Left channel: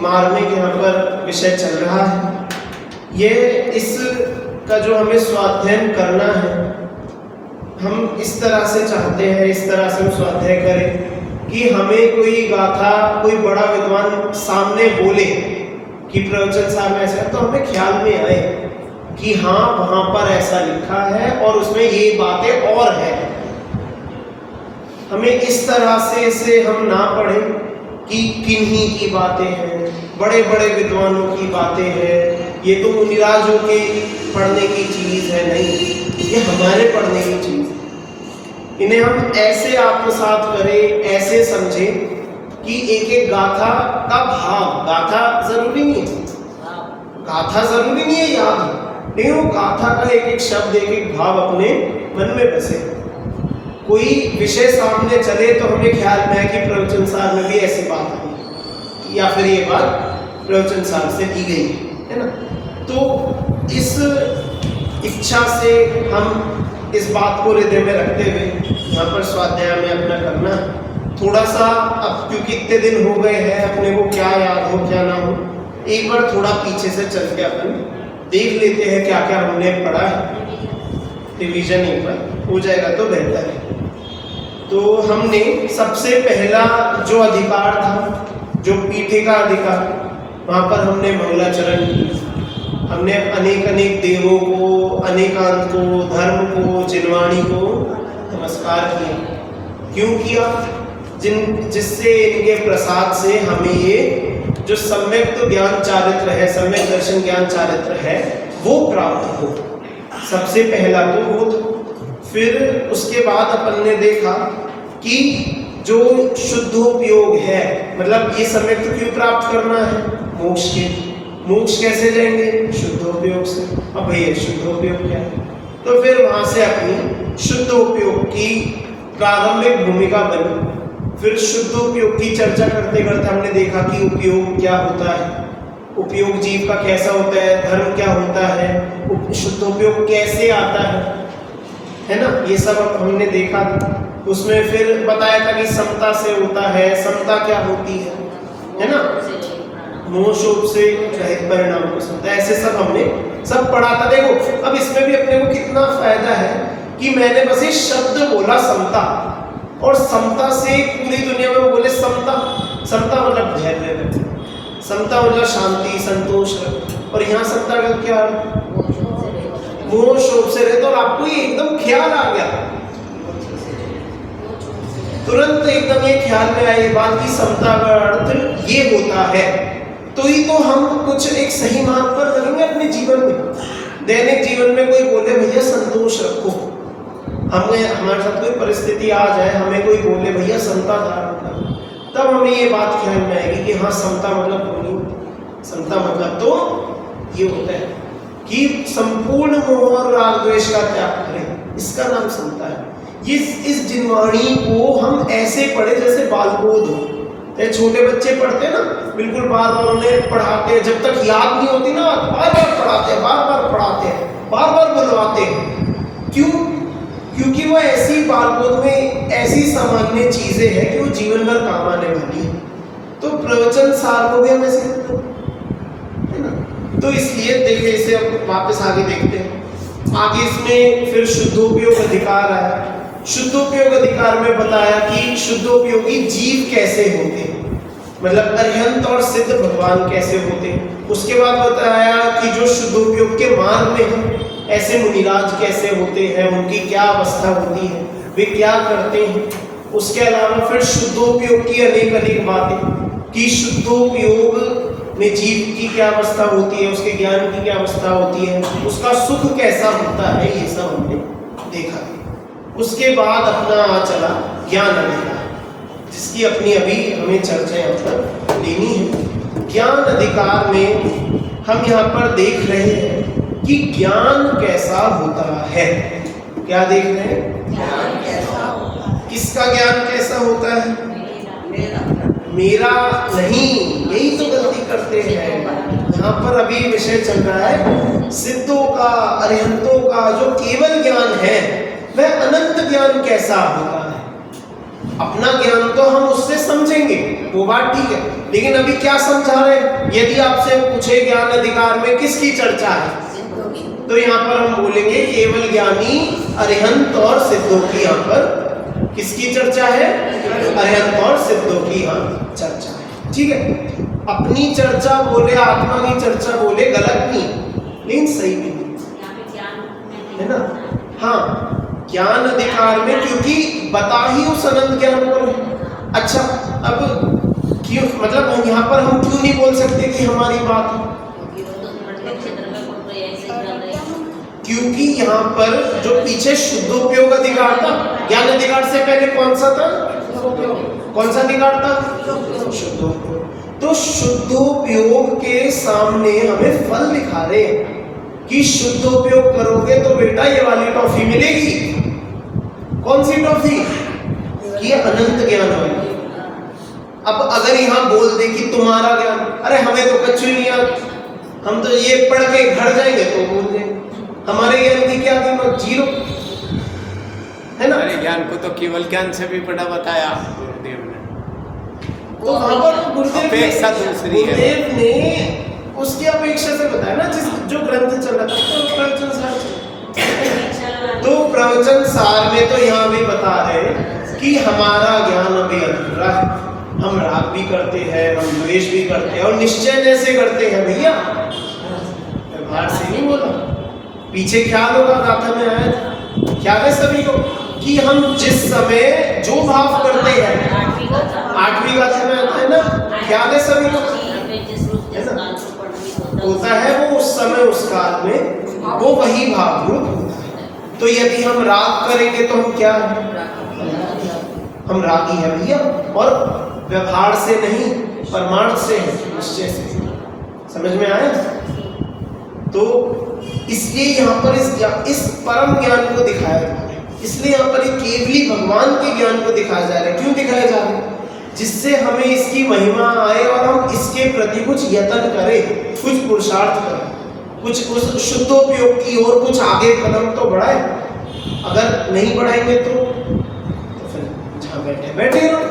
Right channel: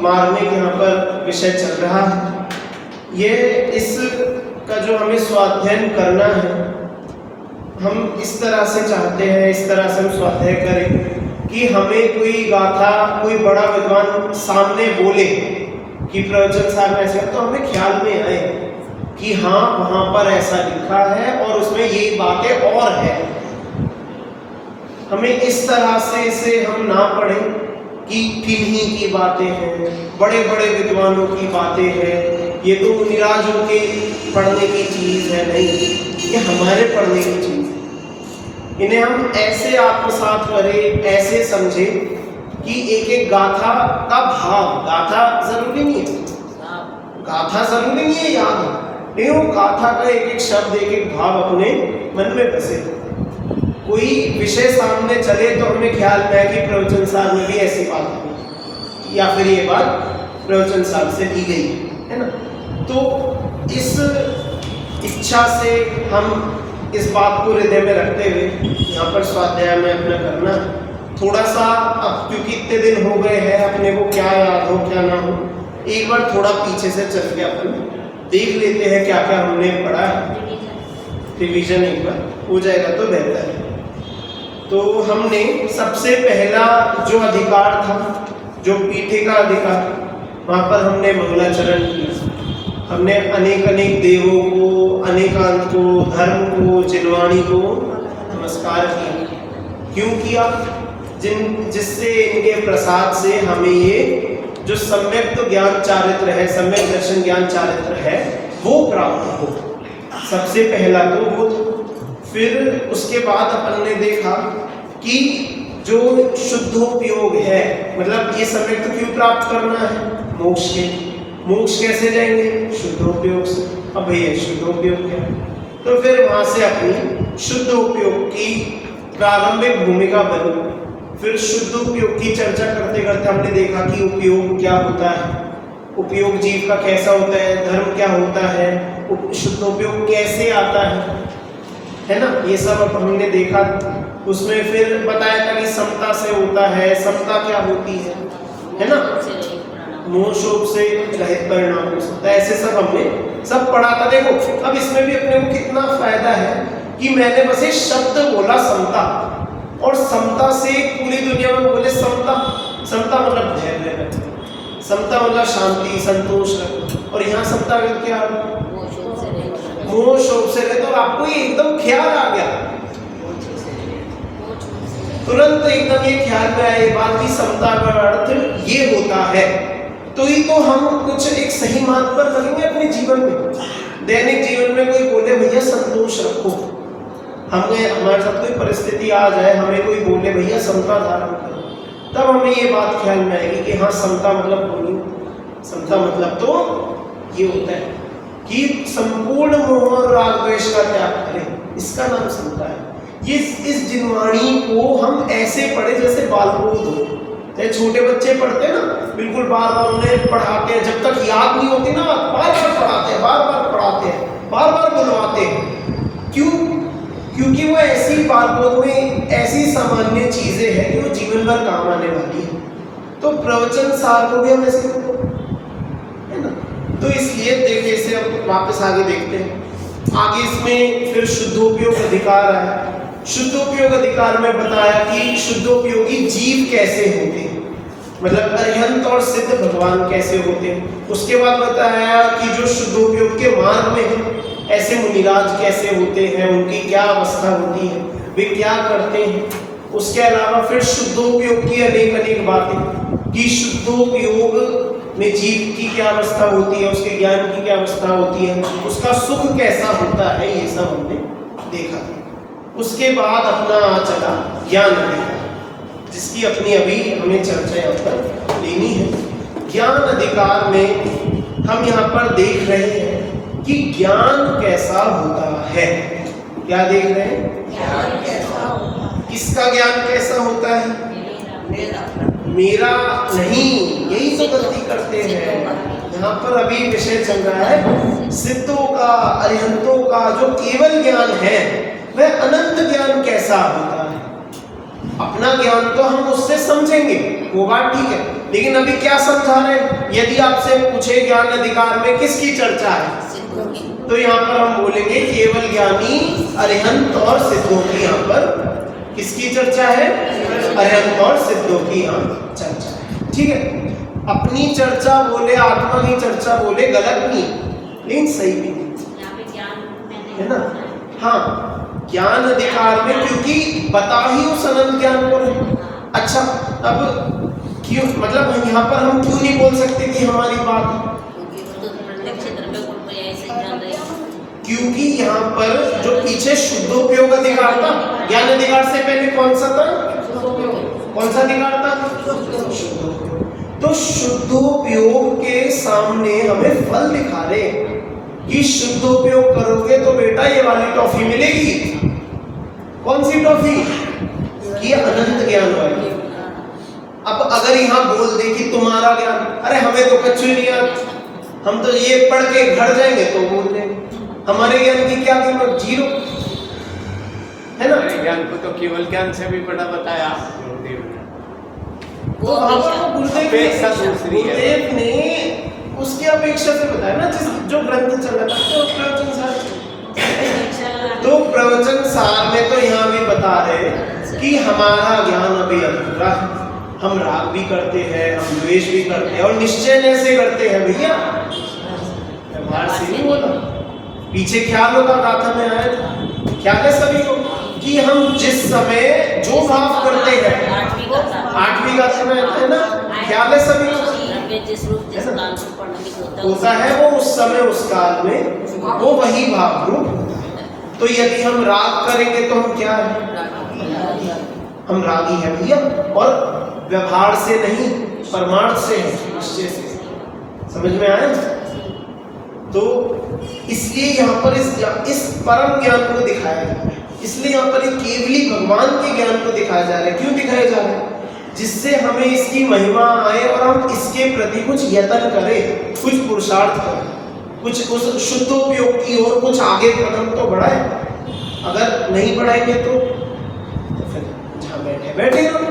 मार्मिक यहाँ पर विषय चल रहा है। ये इसका जो हमें स्वाध्ययन करना है, हम इस तरह से चाहते हैं, इस तरह से हम स्वाध्याय करें कि हमें कोई गाथा, कोई बड़ा विद्वान सामने बोले कि प्रवचन साहब में ऐसा, तो हमें ख्याल में आए कि हाँ वहाँ पर ऐसा लिखा है और उसमें ये बातें और है। हमें इस तरह से इसे हम ना पढ़ें कि किन्हीं की बातें हैं, बड़े बड़े विद्वानों की बातें हैं, ये तो मुनिराजों के पढ़ने की चीज़ है। नहीं, ये हमारे पढ़ने की चीज़। इन्हें हम ऐसे आत्मसात करें, ऐसे समझें कि एक एक गाथा का भाव, गाथा जरूरी नहीं है, गाथा जरूरी नहीं है याद हो, नहीं वो गाथा का एक एक शब्द, एक एक भाव अपने मन में बसे। कोई विषय सामने चले तो हमें ख्याल में है कि प्रवचन सार में भी ऐसी बात आई या फिर ये बात प्रवचन सार से की गई है ना। तो इस इच्छा से हम इस बात को हृदय में रखते हुए यहाँ पर स्वाध्याय में अपना करना है। थोड़ा सा अब क्योंकि इतने दिन हो गए हैं, अपने को क्या याद हो क्या ना हो, एक बार थोड़ा पीछे से चल के अपन देख लेते हैं क्या क्या हमने पढ़ा है। रिवीजन एक बार हो जाएगा तो बेहतर है। तो हमने सबसे पहला जो अधिकार था, जो पीठे का अधिकार, वहाँ पर हमने मंगलाचरण किया। हमने अनेक अनेक देवों को, अनेकांत को, धर्म को, जिनवाणी को नमस्कार किया। क्यों किया? जिससे इनके प्रसाद से हमें ये जो सम्यक तो ज्ञान चारित्र है, सम्यक दर्शन ज्ञान चारित्र है, वो प्राप्त हो। सबसे पहला तो वो था। फिर उसके बाद अपन ने देखा कि जो शुद्धोपयोग है, मतलब ये सम्यक तो क्यों प्राप्त करना है? मोक्ष के। मोक्ष कैसे जाएंगे? शुद्धोपयोग से। अब भैया शुद्धोपयोग क्या है? तो फिर वहां से अपनी शुद्धोपयोग की प्रारंभिक भूमिका बनी। फिर शुद्धोपयोग की चर्चा करते करते हमने देखा कि उपयोग क्या होता है, उपयोग जीव का कैसा होता है, धर्म क्या होता है, शुद्धोपयोग कैसे आता है ना, ये सब अब हमने देखा। उसमें फिर बताया था कि समता से होता है, समता क्या होती है ना, मोह शोभ से रहित परिणाम हो सकता है, ऐसे सब हमने सब पढ़ा था। देखो अब इसमें भी अपने को कितना फायदा है कि मैंने बस एक शब्द बोला समता, और समता से पूरी दुनिया में बोले समता। समता मतलब धैर्य रखना, समता मतलब शांति संतोष रखना, और यहाँ समता का क्या, मोह शोभ से रहे। तो आपको ये एकदम ख्याल आ गया, तुरंत एकदम ये ख्याल में आए बात की समता का अर्थ ये होता है। तो ही तो हम कुछ एक सही मार्ग पर लगेंगे अपने जीवन में। दैनिक जीवन में कोई बोले भैया संतोष रखो, हमें हमारे साथ कोई परिस्थिति आ जाए, हमें कोई बोले भैया समता धारण करो, तब हमें ये बात ख्याल में आएगी कि हाँ समता मतलब बोली, समता मतलब तो ये होता है कि संपूर्ण मोह और राग द्वेष का त्याग करें, इसका नाम समता है। इस जिनवाणी को हम ऐसे पढ़े जैसे बालबोध हो, जैसे छोटे बच्चे पढ़ते ना, बिल्कुल बार बार उन्हें पढ़ाते हैं, जब तक याद नहीं होती ना बार बार पढ़ाते हैं, बार बार पढ़ाते हैं, बार बार बुलवाते हैं। क्यों? क्योंकि वो ऐसी बालबोध में ऐसी सामान्य चीजें हैं कि वो जीवन भर काम आने वाली है। तो प्रवचन सार को भी हम ऐसे करते हैं ना। तो इसलिए देखिए, इसे अब वापस आगे देखते हैं। आगे इसमें फिर शुद्धोपयोग अधिकार आया। शुद्धोपयोग अधिकार में बताया कि शुद्धोपयोगी जीव कैसे होते हैं, मतलब अरिहंत और सिद्ध भगवान कैसे होते हैं। उसके बाद बताया कि जो शुद्धोपयोग के मार्ग में है, ऐसे मुनिराज कैसे होते हैं, उनकी क्या अवस्था होती है, वे क्या करते हैं। उसके अलावा फिर शुद्धोपयोग की अनेक अनेक बातें कि शुद्धोपयोग में जीव की क्या अवस्था होती है, उसके ज्ञान की क्या अवस्था होती है, उसका सुख कैसा होता है, ये सब हमने देखा। उसके बाद अपना चला ज्ञान अधिकार, जिसकी अपनी अभी हमें चर्चा यहाँ पर लेनी है। ज्ञान अधिकार में हम यहाँ पर देख रहे हैं कि ज्ञान कैसा होता है। क्या देख रहे हैं? ज्ञान कैसा होता है। किसका ज्ञान कैसा होता है? मेरा नहीं, यही तो गलती करते हैं। यहाँ पर अभी विषय चल रहा है सिद्धों का, अरिहंतों का जो केवल ज्ञान है, वह अनंत ज्ञान कैसा होता है। अपना ज्ञान तो हम उससे समझेंगे, वो बात ठीक है, लेकिन अभी क्या समझा रहे हैं? यदि आपसे पूछे ज्ञान अधिकार में किसकी चर्चा है, तो यहाँ पर हम बोलेंगे केवल ज्ञानी अरिहंत और सिद्धों की यहाँ पर किसकी चर्चा है? अरिहंत और सिद्धों की यहाँ चर्चा है। ठीक है, अपनी चर्चा बोले, आत्मा की चर्चा बोले, गलत नहीं लेकिन सही भी नहीं है ना। हाँ, ज्ञान अधिकार में क्योंकि बता ही उस अनंत ज्ञान को रहे। अच्छा, अब क्यों, मतलब यहाँ पर हम क्यों नहीं बोल सकते कि हमारी बात है? क्योंकि यहाँ पर जो पीछे शुद्धोपयोग अधिकार था, ज्ञान अधिकार से पहले कौन सा था? कौन सा अधिकार था? शुद्धोपयोग। तो शुद्धोपयोग के सामने हमें फल दिखा रहे कि शुद्धोपयोग करोगे तो बेटा ये वाली टॉफी मिलेगी। कौन सी टॉफी? कि अनंत ज्ञान वाली। अब अगर यहाँ बोल दे कि तुम्हारा ज्ञान, अरे हमें तो कच्छ नहीं आता, हम तो ये पढ़ के घर जाएंगे तो बोल देंगे, हमारे ज्ञान की क्या कीमत? जीरो है ना। हमारे ज्ञान को तो केवल ज्ञान से भी बड़ा बताया गुरुदेव ने। तो वहां पर तो गुरुदेव ने उसकी अपेक्षा से बताया ना, जिस जो ग्रंथ चल रहा था, तो प्रवचन सार, तो प्रवचन सार में तो यहाँ भी बता रहे कि हमारा ज्ञान अभी अधूरा है। हम राग भी करते हैं, हम द्वेष भी करते हैं, और निश्चय ऐसे करते हैं भैया, व्यवहार से नहीं बोला। पीछे ख्याल होगा, गाथा में आया था, ख्याल है सभी को कि हम जिस समय जो भाव करते हैं, 8वीं गाथा में आता है ना, ख्याल है सभी को, है ना, होता है वो उस समय उस काल में वो वही भाव रूप। तो यदि हम राग करेंगे तो हम क्या है? हम रागी है भैया, और व्यवहार से नहीं, परमार्थ से है, निश्चय से। समझ में आया? तो इसलिए यहाँ पर इस परम ज्ञान को दिखाया जा रहा है। इसलिए यहाँ पर एक केवली भगवान के ज्ञान को दिखाया जा रहा है। क्यों दिखाया जा रहा है? जिससे हमें इसकी महिमा आए और हम इसके प्रति कुछ यत्न करें, कुछ पुरुषार्थ करें, कुछ उस शुद्धोपयोग की ओर कुछ आगे कदम तो बढ़ाए। अगर नहीं बढ़ाएंगे तो फिर जहाँ बैठे बैठे रहो,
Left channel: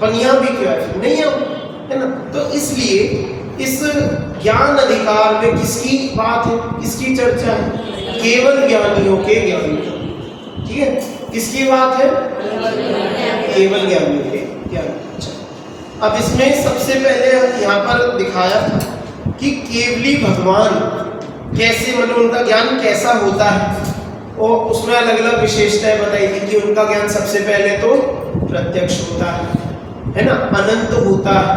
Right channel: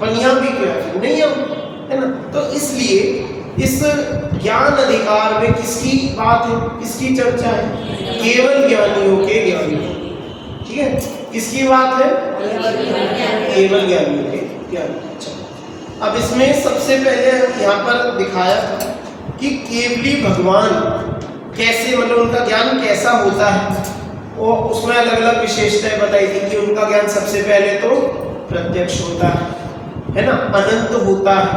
पनिया भी क्या नहीं है ना। तो इसलिए इस ज्ञान अधिकार में किसकी बात है, किसकी चर्चा है? केवल ज्ञानियों के ज्ञान की। ठीक है, किसकी बात है? केवल ज्ञानियों के ज्ञान। अच्छा, अब इसमें सबसे पहले यहाँ पर दिखाया था कि केवली भगवान कैसे, मतलब उनका ज्ञान कैसा होता है, और उसमें अलग अलग विशेषताएं बताई थी कि उनका ज्ञान सबसे पहले तो प्रत्यक्ष होता है ना, अनंत होता है,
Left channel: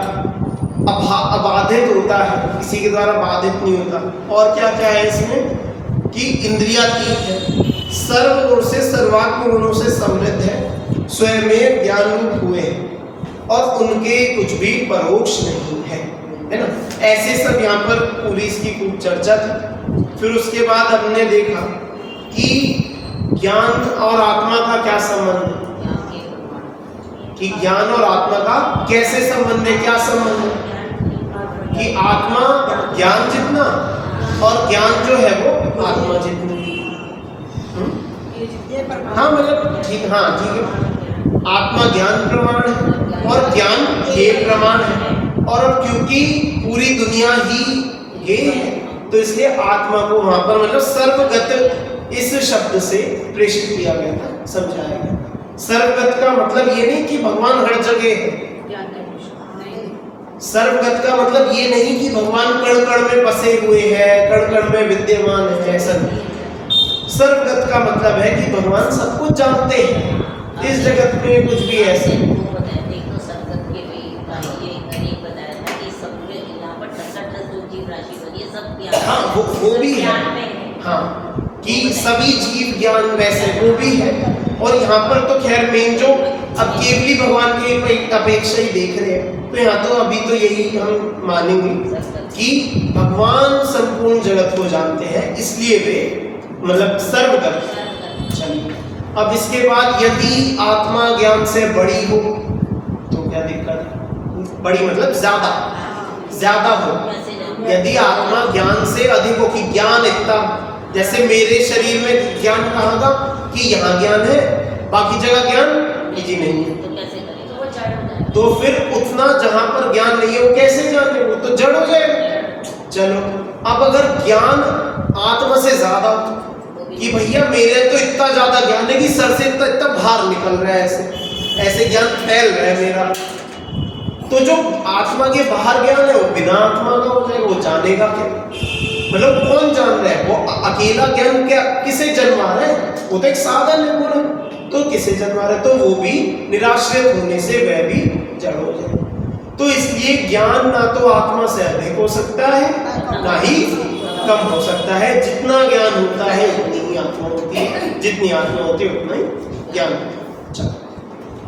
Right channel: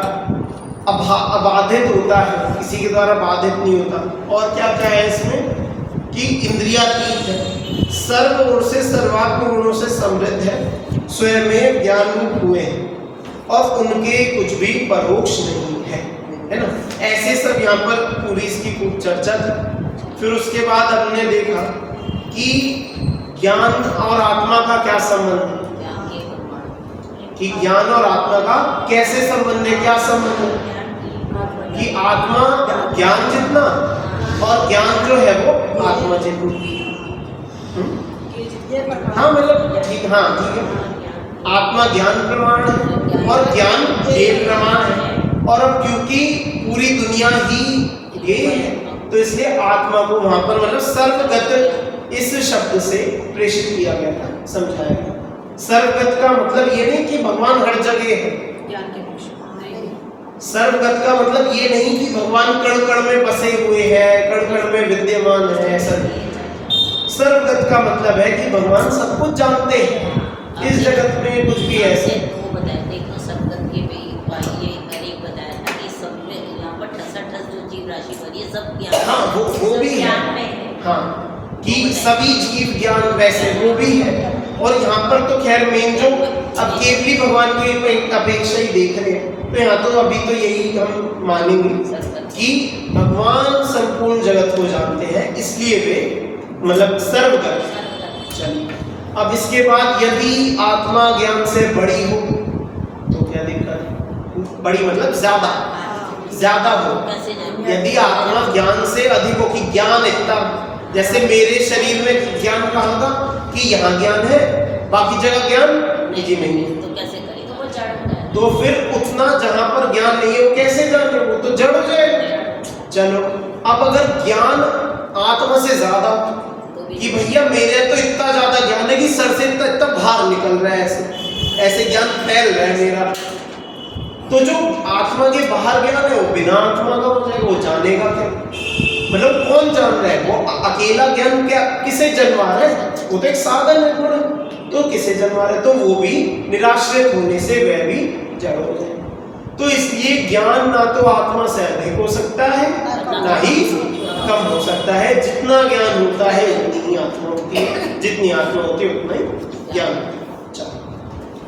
अबाधित होता है, किसी के द्वारा बाधित नहीं होता। और क्या क्या है इसमें कि इंद्रियातीत है, सर्व ओर से सर्वात्म गुणों से समृद्ध है, स्वयं में ज्ञान रूप हुए हैं, और उनके कुछ भी परोक्ष नहीं है ना। ऐसे सब यहाँ पर पूरी इसकी खूब चर्चा थी। फिर उसके बाद हमने देखा कि ज्ञान और आत्मा का क्या संबंध है, कि ज्ञान और आत्मा का कैसे संबंध है, क्या संबंध है, कि आत्मा ज्ञान जितना और ज्ञान जो है वो आत्मा जितना। हाँ मतलब ठीक, हाँ ठीक है, आत्मा ज्ञान प्रमाण है और ज्ञान ये प्रमाण है। और अब क्योंकि पूरी दुनिया ही ये है, तो इसलिए आत्मा को वहां पर मतलब सर्वगत इस शब्द से प्रेषित किया गया था, समझाया गया। सर्वगत का मतलब ये नहीं कि भगवान हर जगह है, सर्वगत का मतलब ये नहीं कि भगवान कण कण में बसे हुए हैं, कण कण में विद्यमान है। सर्वगत का मतलब है कि भगवान सब कुछ जानते हैं, इस जगत में कुछ भी ऐसे हाँ वो भी है, हाँ कि सभी जीव ज्ञान वैसे वो भी है। और यहाँ पर तो खैर मेन जो अब केवली भगवान की अपेक्षा ही देख रहे हैं, तो यहाँ तो अभी तो यही हम मानेंगे कि भगवान संपूर्ण जगत को जानते हैं, इसलिए वे मतलब सर्वगत। चलिए, अब इसके बाद यदि आत्मा ज्ञान से बड़ी हो तो क्या दिक्कत है? बड़ी मतलब ज्यादा हो। यदि आत्मा ज्ञान से अधिक हो, कि ज्ञान इतना, जैसे मेरे शरीर में ज्ञान कहाँ का कि यहाँ ज्ञान है, बाकी जगह ज्ञान जी नहीं है, तो फिर उतना जहां पर ज्ञान नहीं है वो कैसे जाने, वो तो जड़ हो जाएगा। चलो अब अगर ज्ञान आत्मा से ज्यादा हो कि भैया मेरे तो इतना ज्यादा ज्ञान है कि सर से इतना भार निकल रहा है, ऐसे ऐसे ज्ञान फैल रहा है मेरा, तो जो आत्मा के बाहर ज्ञान है वो बिना आत्मा का हो जाएगा, वो जानेगा क्या? मतलब कौन जान रहा है? वो अकेला ज्ञान क्या किसे जन्मा रहा है? वो तो एक साधन है पूरा, तो किसे जन्मा रहा है? तो वो भी निराश्रित होने से वह भी जड़ हो जाए। तो इसलिए ज्ञान ना तो आत्मा से अधिक हो सकता है ना ही कम हो सकता है। जितना ज्ञान होता है उतनी ही आत्मा होती है, जितनी आत्मा होती है उतना ही ज्ञान होता है।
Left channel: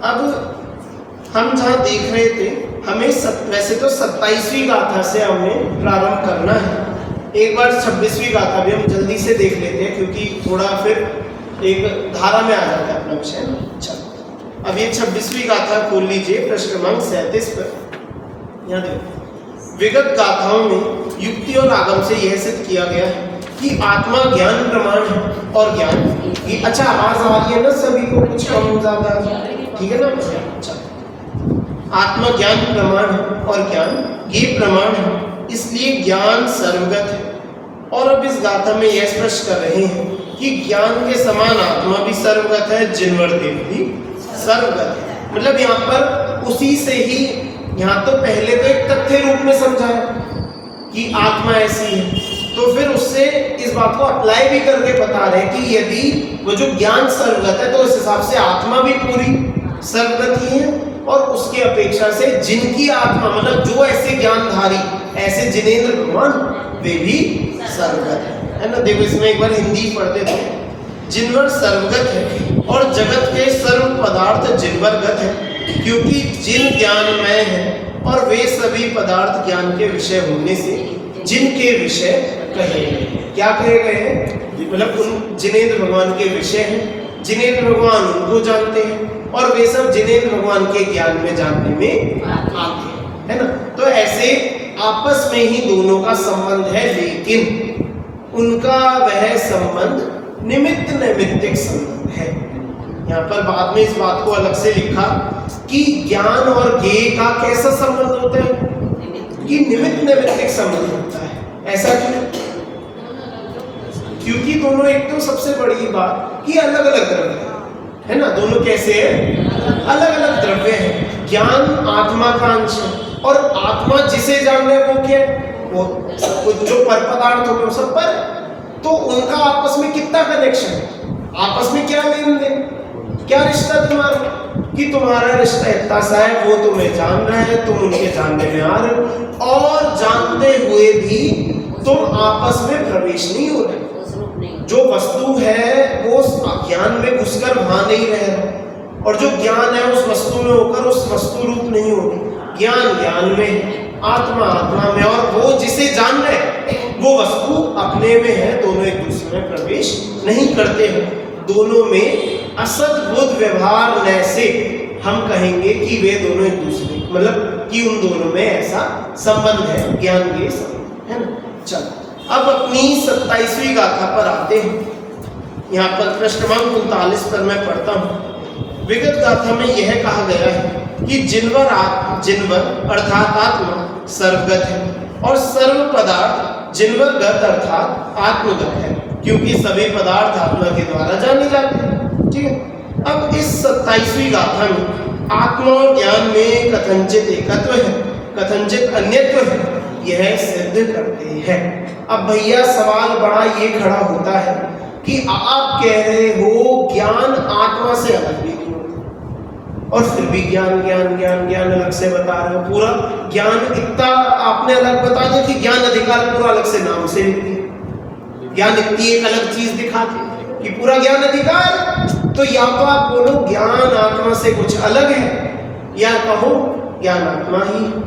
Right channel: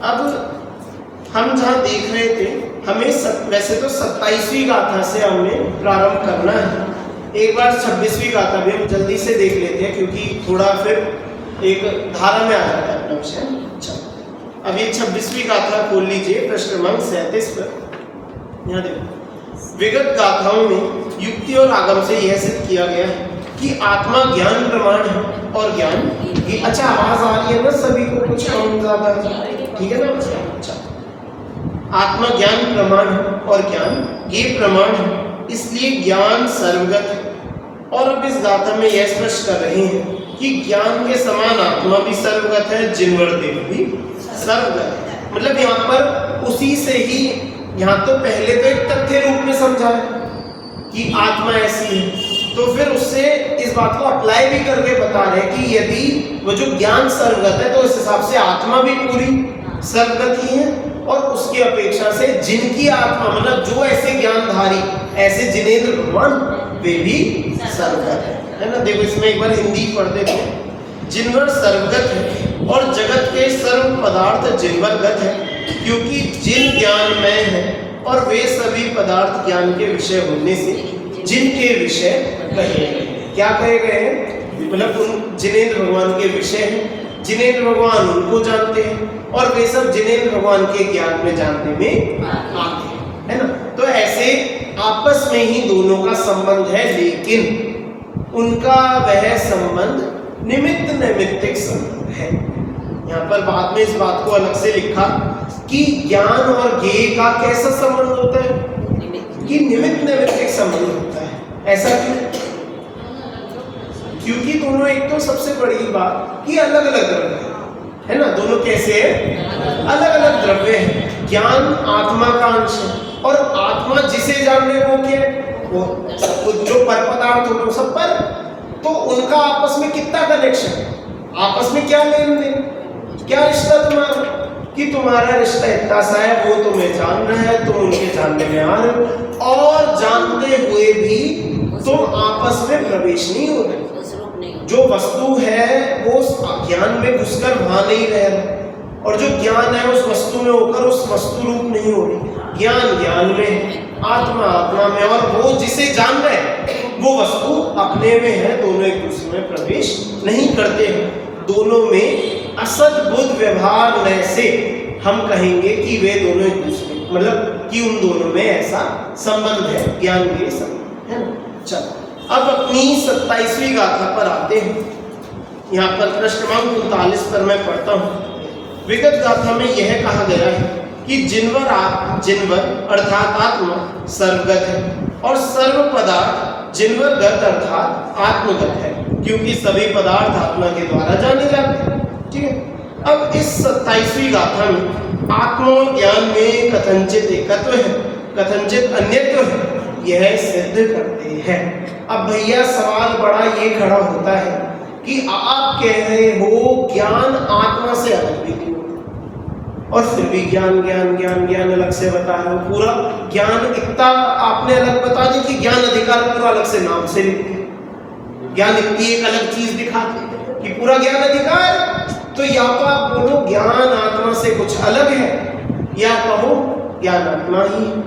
अब हम जहाँ देख रहे थे, हमें वैसे तो 27वीं गाथा से हमें प्रारंभ करना है। एक बार 26वीं गाथा भी हम जल्दी से देख लेते हैं क्योंकि थोड़ा फिर एक धारा में आ जाता है अपना विषय। चलो अब ये 26वीं गाथा खोल लीजिए, प्रश्न क्रमांक 37 पर। यहाँ देखो, विगत गाथाओं में युक्ति और आगम से यह सिद्ध किया गया है कि आत्मा ज्ञान प्रमाण है और ज्ञान की। अच्छा आवाज आ रही है ना सभी को? कुछ कम ज्यादा ठीक है ना? अच्छा, आत्मा ज्ञान प्रमाण है और ज्ञान ये प्रमाण है, इसलिए ज्ञान सर्वगत है। और अब इस गाथा में यह स्पष्ट कर रहे हैं कि ज्ञान के समान आत्मा भी सर्वगत है, जिनवर देव भी सर्वगत है। मतलब यहाँ पर उसी से ही, यहाँ तो पहले तो एक तथ्य रूप में समझा है कि आत्मा ऐसी है, तो फिर उससे इस बात को अप्लाई भी करके बता रहे हैं कि यदि वो जो ज्ञान सर्वगत है तो इस हिसाब से आत्मा भी पूरी सर्वगत ही है। और उसके अपेक्षा से जिनकी आत्मा, मतलब जो ऐसे ज्ञानधारी, ऐसे जिनेंद्र भगवान, वे भी सर्वगत है ना? देखो इसमें एक बार हिंदी पढ़ते थे। जिनवर सर्वगत है और जगत के सर्व पदार्थ जिनवर गत है, क्योंकि जिन ज्ञान में है और वे सभी पदार्थ ज्ञान के विषय होने से जिनके विषय कहे गए। क्या कहे गए हैं? मतलब उन जिनेंद्र भगवान के विषय हैं, जिनेंद्र भगवान उनको जानते हैं और वे सब जिनेंद्र भगवान के ज्ञान में जानने में आते हैं, है ना? तो ऐसे आपस में ही दोनों का संबंध है, लेकिन उनका वह संबंध निमित्त नैमित्तिक संबंध है। यहाँ पर बाद में इस बात को अलग से लिखा कि ज्ञान और ज्ञेय का कैसा संबंध होता है? कि निमित्त नैमित्तिक संबंध होता है। ऐसा क्यों? क्योंकि दोनों, एक तो सबसे बड़ी बात कि अलग अलग द्रव्य है ना? दोनों कैसे हैं? अलग अलग द्रव्य हैं। ज्ञान आत्मा का अंश है और आत्मा जिसे जान रहे वो क्या है? वो सब कुछ जो पर पदार्थ होते हैं सब पर, तो उनका आपस में कितना कनेक्शन, आपस में क्या लेन देन, क्या रिश्ता तुम्हारा? कि तुम्हारा रिश्ता इतना सा है, वो तुम्हें जान रहा है, तुम उनके जानने में आ रहे हो, और जानते हुए भी तुम आपस में प्रवेश नहीं हो रहे। जो वस्तु है वो ज्ञान में घुसकर वहां नहीं रह रहा, और जो ज्ञान है उस वस्तु में होकर उस वस्तु रूप नहीं हो रही। ज्ञान ज्ञान में, आत्मा आत्मा में, और वो जिसे जान रहे वो वस्तु अपने में है। दोनों एक दूसरे में प्रवेश नहीं करते हैं। दोनों में असद बुद्ध व्यवहार न से हम कहेंगे कि वे दोनों एक दूसरे, मतलब कि उन दोनों में ऐसा संबंध है, ज्ञान के संबंध है ना? चलो अब अपनी 27वीं गाथा पर आते हैं। यहाँ पर प्रश्न क्रमांक 39 पर मैं पढ़ता हूँ। विगत गाथा में यह कहा गया है कि जिनवर अर्थात आत्मा सर्वगत है और सर्व पदार्थ जिनवर गत अर्थात आत्मगत है, क्योंकि सभी पदार्थ आत्मा के द्वारा जाने जाते हैं। ठीक है। अब इस 27वीं गाथा में आत्मा और ज्ञान में कथनचित एकत्व है, कथनचित अन्यत्व है, यह सिद्ध करते हैं। अब भैया सवाल बड़ा ये खड़ा होता है कि आप कह रहे हो ज्ञान आत्मा से अलग भी नहीं होता, और फिर भी ज्ञान ज्ञान ज्ञान ज्ञान अलग से बता रहे हो। पूरा ज्ञान इतना आपने अलग बता दिया कि ज्ञान अधिकार पूरा अलग से नाम से लिख दिया। ज्ञान इतनी एक अलग चीज दिखाती कि पूरा ज्ञान अधिकार। तो या तो आप बोलो ज्ञान आत्मा से कुछ अलग है, या कहो ज्ञान आत्मा ही है,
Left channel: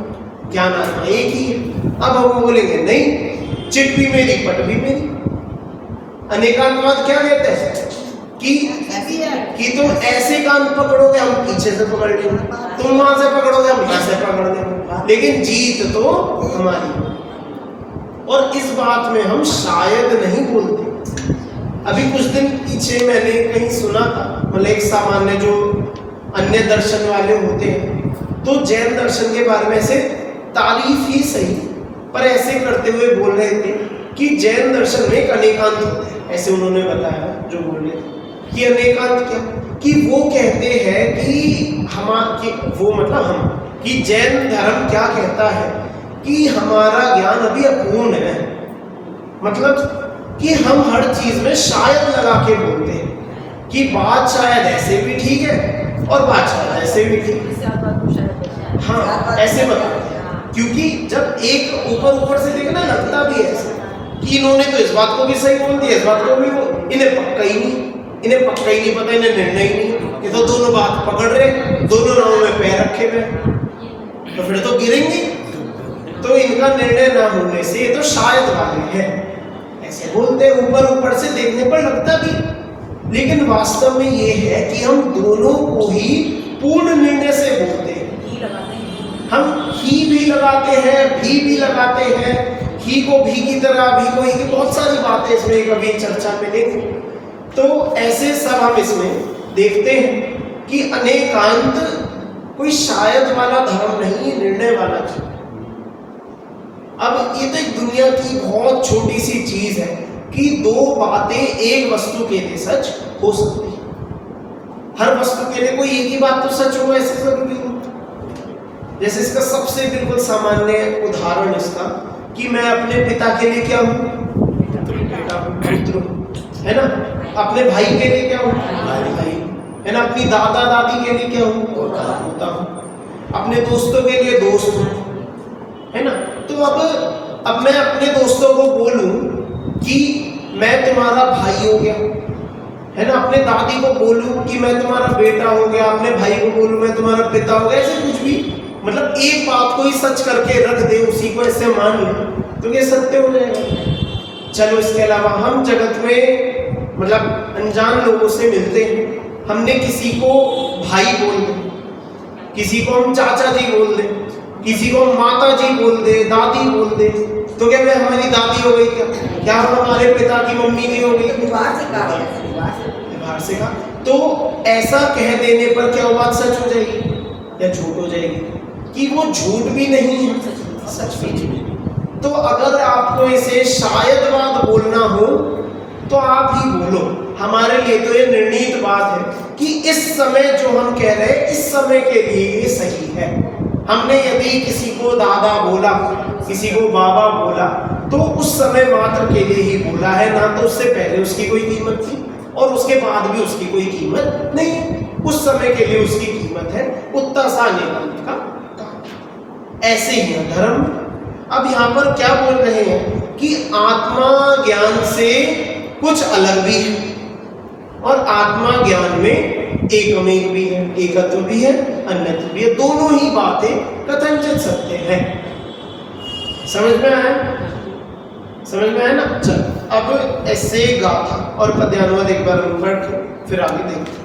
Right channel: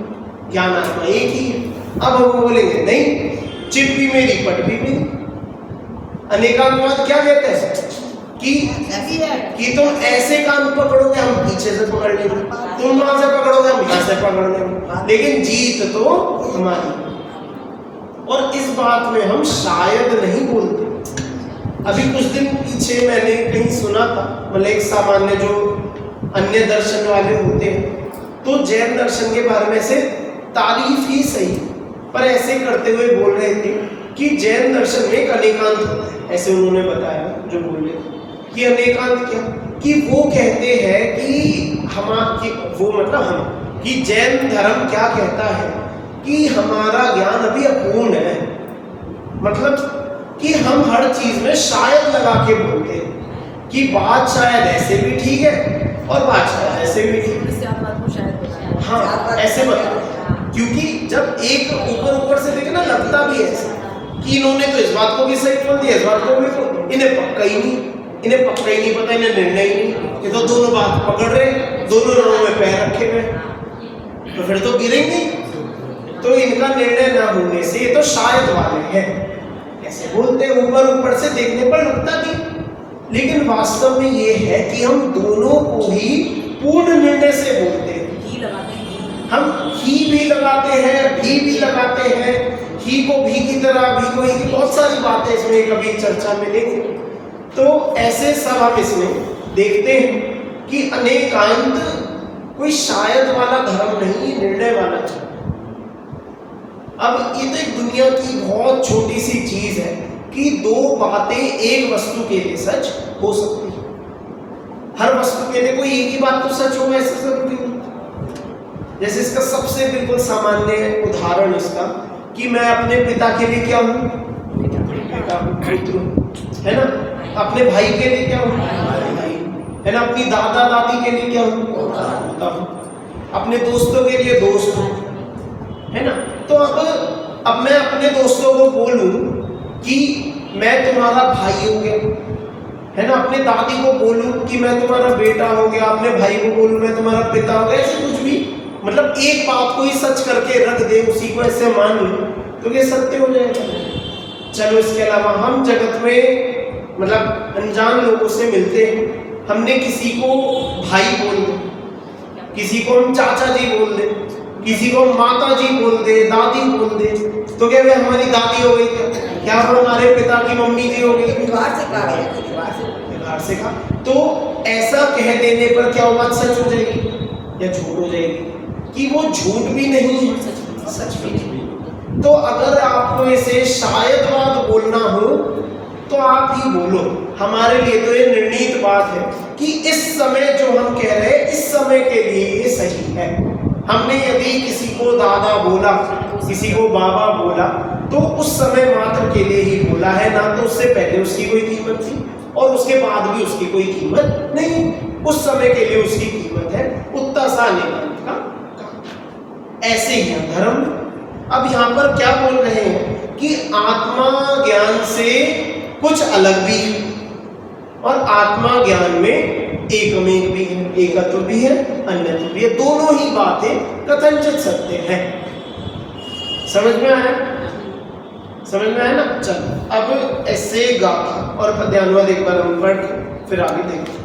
ज्ञान आत्मा एक ही है। अब हम बोलेंगे नहीं, चिट भी मेरी पट भी मेरी। अनेकांतवाद क्या कहते हैं कि तुम ऐसे कान पकड़ोगे हम पीछे से पकड़ लेंगे, तुम वहां से पकड़ोगे हम यहां से पकड़ लेंगे, लेकिन जीत तो हमारी। और इस बात में हम शायद नहीं बोलते। अभी कुछ दिन पीछे मैंने कहीं सुना था, मतलब एक सामान्य जो अन्य दर्शन वाले होते हैं तो जैन दर्शन के बारे में ऐसे तारीफ ही सही, पर ऐसे करते हुए बोल रहे थे कि जैन दर्शन में एक अनेकांत होता है। ऐसे उन्होंने बताया जो बोल रहे थे कि अनेकांत क्या, कि वो कहते हैं कि वो मतलब हम, कि जैन धर्म क्या कहता है कि हमारा ज्ञान अभी अपूर्ण है, मतलब कि हम हर चीज में शायद लगा के बोलते हैं कि बात शायद ऐसे भी ठीक है और बात शायद ऐसे भी ठीक है। हाँ, ऐसे बताते हैं, क्योंकि जब एक ऊपर से देखे ना लगता भी ऐसे कि इन्होंने तो इस बात को भी सही बोल दिया, इस बात को भी, इन्हें पक्का ही नहीं पता, इन्हें निर्णय ही नहीं, ये तो दोनों बात पकड़ रहे, दोनों नावों में पैर रखे हुए, तो फिर तो गिरेंगे। तो इनका निर्णय ना होने से ये तो शायद वाले हैं, ऐसे बोलते हैं, ऊपर से देखने पर लगता भी, लेकिन वास्तव में ये है कि हम दोनों को ही पूर्ण निर्णय से बोलते हैं। हम ही भी लगाते हैं, भी लगाते हैं, ही को भी की तरह, भी को ही की, बहुत सारी बातें इसमें कभी चर्चा में लेंगे। तो ऐसे सब हम इसमें देखते हैं कि अनेकांत कोई शायद वाला धर्म नहीं, निर्णय वाला धर्म। अब ये तो एक दुनिया की बहुत छोटी सी चीज है कि दो बातें एक वस्तु के लिए सच हो सकती है। हर वस्तु के लिए कोई एक ही बात तो सच हो ऐसे जरूरी नहीं। जैसे इसका सबसे बिल्कुल सामान्य उदाहरण इसका कि मैं अपने पिता के लिए क्या हूँ, बेटा हूँ, पुत्र हूँ, है ना। अपने भाई के लिए क्या हूँ, भाई, है ना। अपनी दादा दादी के लिए क्या हूँ, पोता हूँ। अपने दोस्तों के लिए दोस्त हूँ, है ना। तो अब मैं अपने दोस्तों को बोलूं कि मैं तुम्हारा भाई हो गया, है ना। अपने दादी को बोलूं कि मैं तुम्हारा बेटा हो गया, अपने भाई को बोलूं मैं तुम्हारा पिता हो गया, ऐसे कुछ भी, मतलब एक बात को ही सच करके रख दे, उसी को ऐसे मान ले तो ये सत्य हो जाएगा। चलो इसके अलावा हम जगत में मतलब अनजान लोगों से मिलते हैं, हमने किसी को भाई बोल दे, किसी को हम चाचा जी बोल दे, किसी को माता जी बोल दे, दादी बोल दे, तो क्या वे हमारी दादी हो गई, क्या वो हमारे पिता की मम्मी जी हो गई, बाहर से कहा। तो ऐसा कह देने पर क्या वो बात सच हो जाएगी या झूठ हो जाएगी? कि वो झूठ भी नहीं है, सच भी नहीं। तो अगर आपको इसे शायदवाद बोलना हो तो आप ही बोलो। हमारे लिए तो ये निर्णीत बात है कि इस समय जो हम कह रहे हैं इस समय के लिए ये सही है। हमने यदि किसी को दादा बोला, किसी को बाबा बोला, तो उस समय मात्र के लिए ही बोला है, ना तो उससे पहले उसकी कोई कीमत थी और उसके बाद भी उसकी कोई कीमत नहीं है। उस समय के लिए उसकी कीमत है, उतना सा निकालने का काम। ऐसे ही है धर्म। अब यहाँ पर क्या बोल रहे हैं कि आत्मा ज्ञान से कुछ अलग भी है और आत्मा ज्ञान में एकमेक भी है, एकत्व भी है, अन्यत्व भी है। दोनों ही बातें कथनचित सत्य है। समझ में आया? समझ में आया ना? चल अब ऐसे गाथा और पद्यानुवाद एक बार हम पढ़ के फिर आगे देखते हैं।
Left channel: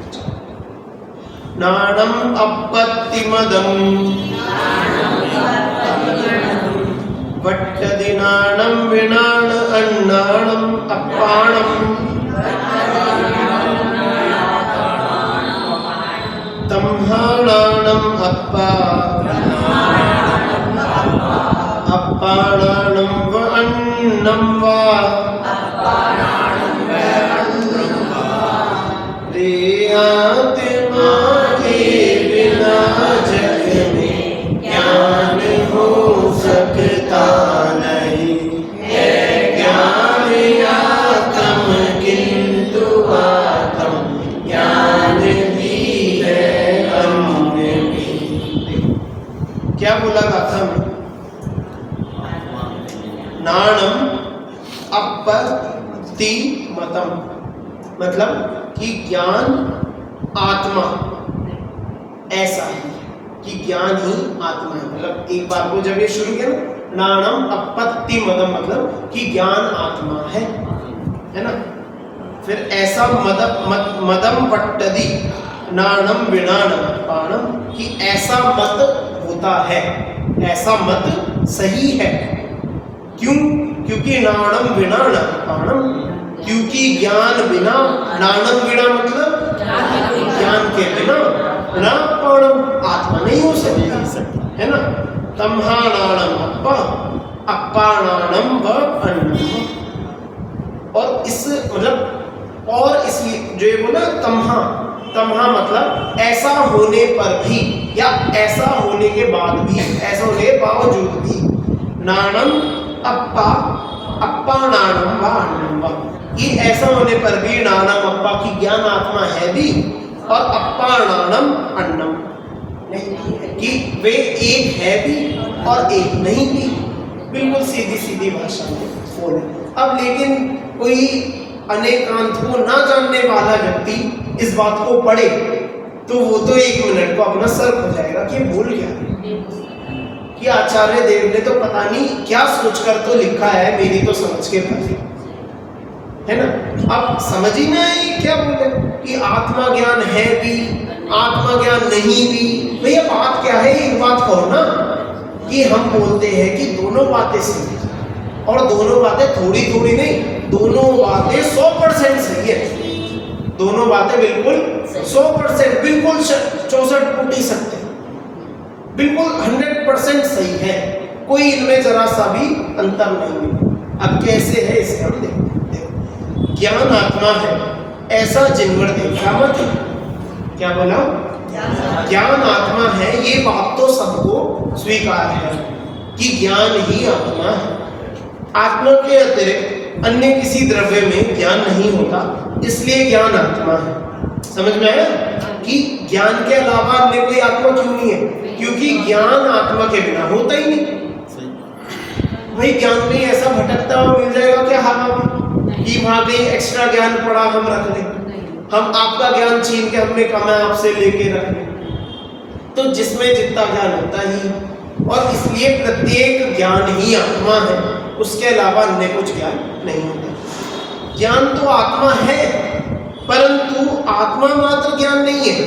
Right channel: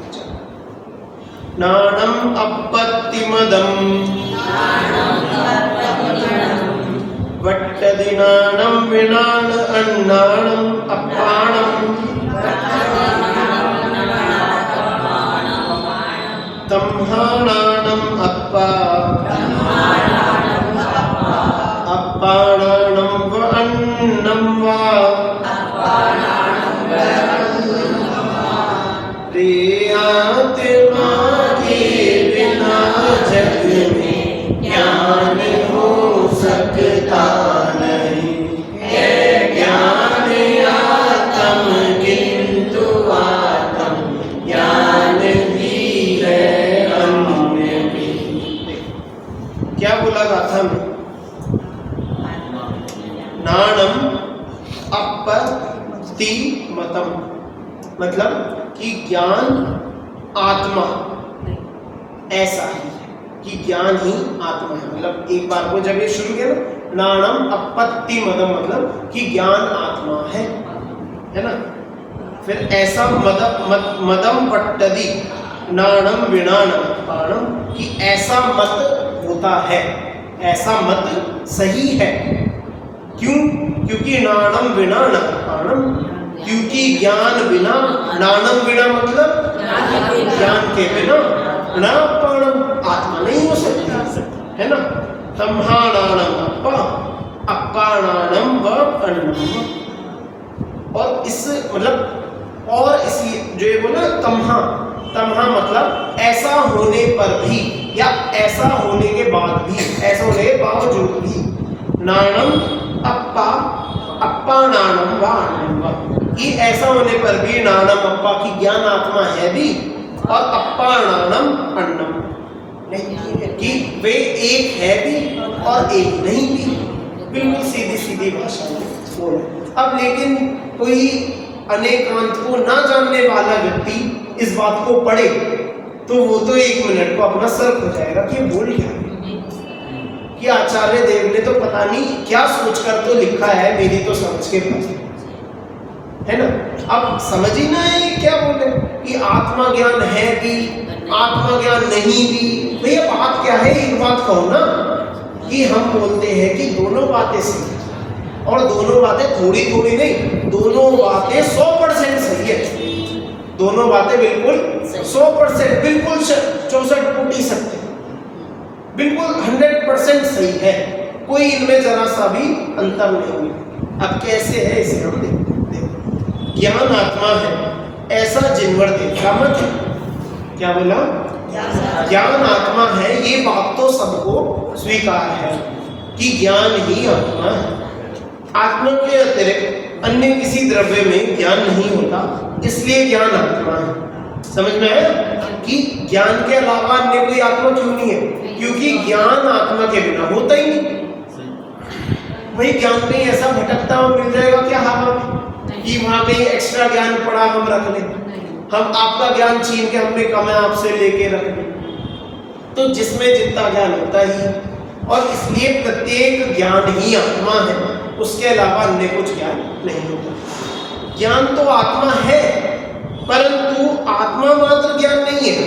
नाणम अपत्तिमदम वट्टदिनाणं विनाण अन्नाणं अप्पाणं तम्हाणाणं अप्पा अप्पाणाणं व अन्नं वा आत्मा के बिना जग में ज्ञान हो सकता नहीं है। ज्ञान आत्म किंतु आत्म ज्ञान भी है अन्य भी। क्या बोला गाथा में? नाणम अपत्तिमतम, मतलब कि ज्ञान आत्मा ऐसा ही है कि ज्ञान ही आत्मा है। मतलब एक बार को जब ये शुरू किया ना, नाणम अपत्तिमदम, मतलब कि ज्ञान आत्मा है ना। फिर ऐसा मदम पट्टदी नाणम विनाणम पाणम, कि ऐसा मत होता है, ऐसा मत सही है। क्यों? क्योंकि नाणम विनाणम पाणम, क्योंकि ज्ञान बिना, नाणम बिना मतलब ज्ञान के बिना णापणम, आत्मा नहीं हो सकती, है ना। तम्हाणाणम अप्पा, अप्पाणाणम व अन्नम। और इस मतलब और इसलिए जो ये बोला तम्हा, तम्हा मतलब ऐसा होने पर भी या ऐसा होने के बाद भी, ऐसा होने के बावजूद भी। नाणम अप्पा, अप्पा नाणम व अन्नम व, ये ऐसा होने पर भी नाणम अप्पा की ज्ञान आत्मा है भी और अप्पा नाणम अन्नम कि वे एक है भी और एक नहीं भी। बिल्कुल सीधी सीधी भाषा में बोले। अब लेकिन कोई अनेकांत को ना जानने वाला व्यक्ति इस बात को पढ़े तो वो तो 1 मिनट को अपना सर हो जाएगा कि बोल क्या है, कि आचार्य देव ने तो पता नहीं क्या सोचकर तो लिखा है, मेरी तो समझ के बात है ना। अब समझ ही ना है क्या बोले कि आत्मा ज्ञान है भी, आत्मा ज्ञान नहीं भी। भैया बात क्या है, एक बात कहो ना कि हम बोलते हैं कि दोनों बातें सही है, और दोनों बातें थोड़ी थोड़ी नहीं, दोनों बातें 100% सही है। दोनों बातें बिल्कुल 100%, बिल्कुल 64 फुटी सत्य, बिल्कुल 100% सही है, कोई इनमें जरा सा भी अंतर नहीं है। अब कैसे है इसे हम देखते हैं। ज्ञान आत्मा है ऐसा जिनवर देखा मत। क्या बोला? ज्ञान आत्मा है, ये बात तो सबको स्वीकार है कि ज्ञान ही आत्मा है। आत्मा के अतिरिक्त अन्य किसी द्रव्य में ज्ञान नहीं होता, इसलिए ज्ञान आत्मा है। समझ में आया कि ज्ञान के अलावा अन्य कोई आत्मा क्यों नहीं है? क्योंकि ज्ञान आत्मा के बिना होता ही नहीं। भाई ज्ञान कहीं ऐसा भटकता हुआ मिल जाएगा क्या हवा में कि वहां कहीं एक्स्ट्रा ज्ञान पड़ा हम रख लें, हम आपका ज्ञान छीन के हमने कम है आपसे लेके रख लें। तो जिसमें जितना ज्ञान होता ही, और इसलिए प्रत्येक ज्ञान ही आत्मा है, उसके अलावा अन्य कुछ ज्ञान नहीं होता। ज्ञान तो आत्मा है, परंतु आत्मा मात्र ज्ञान नहीं है,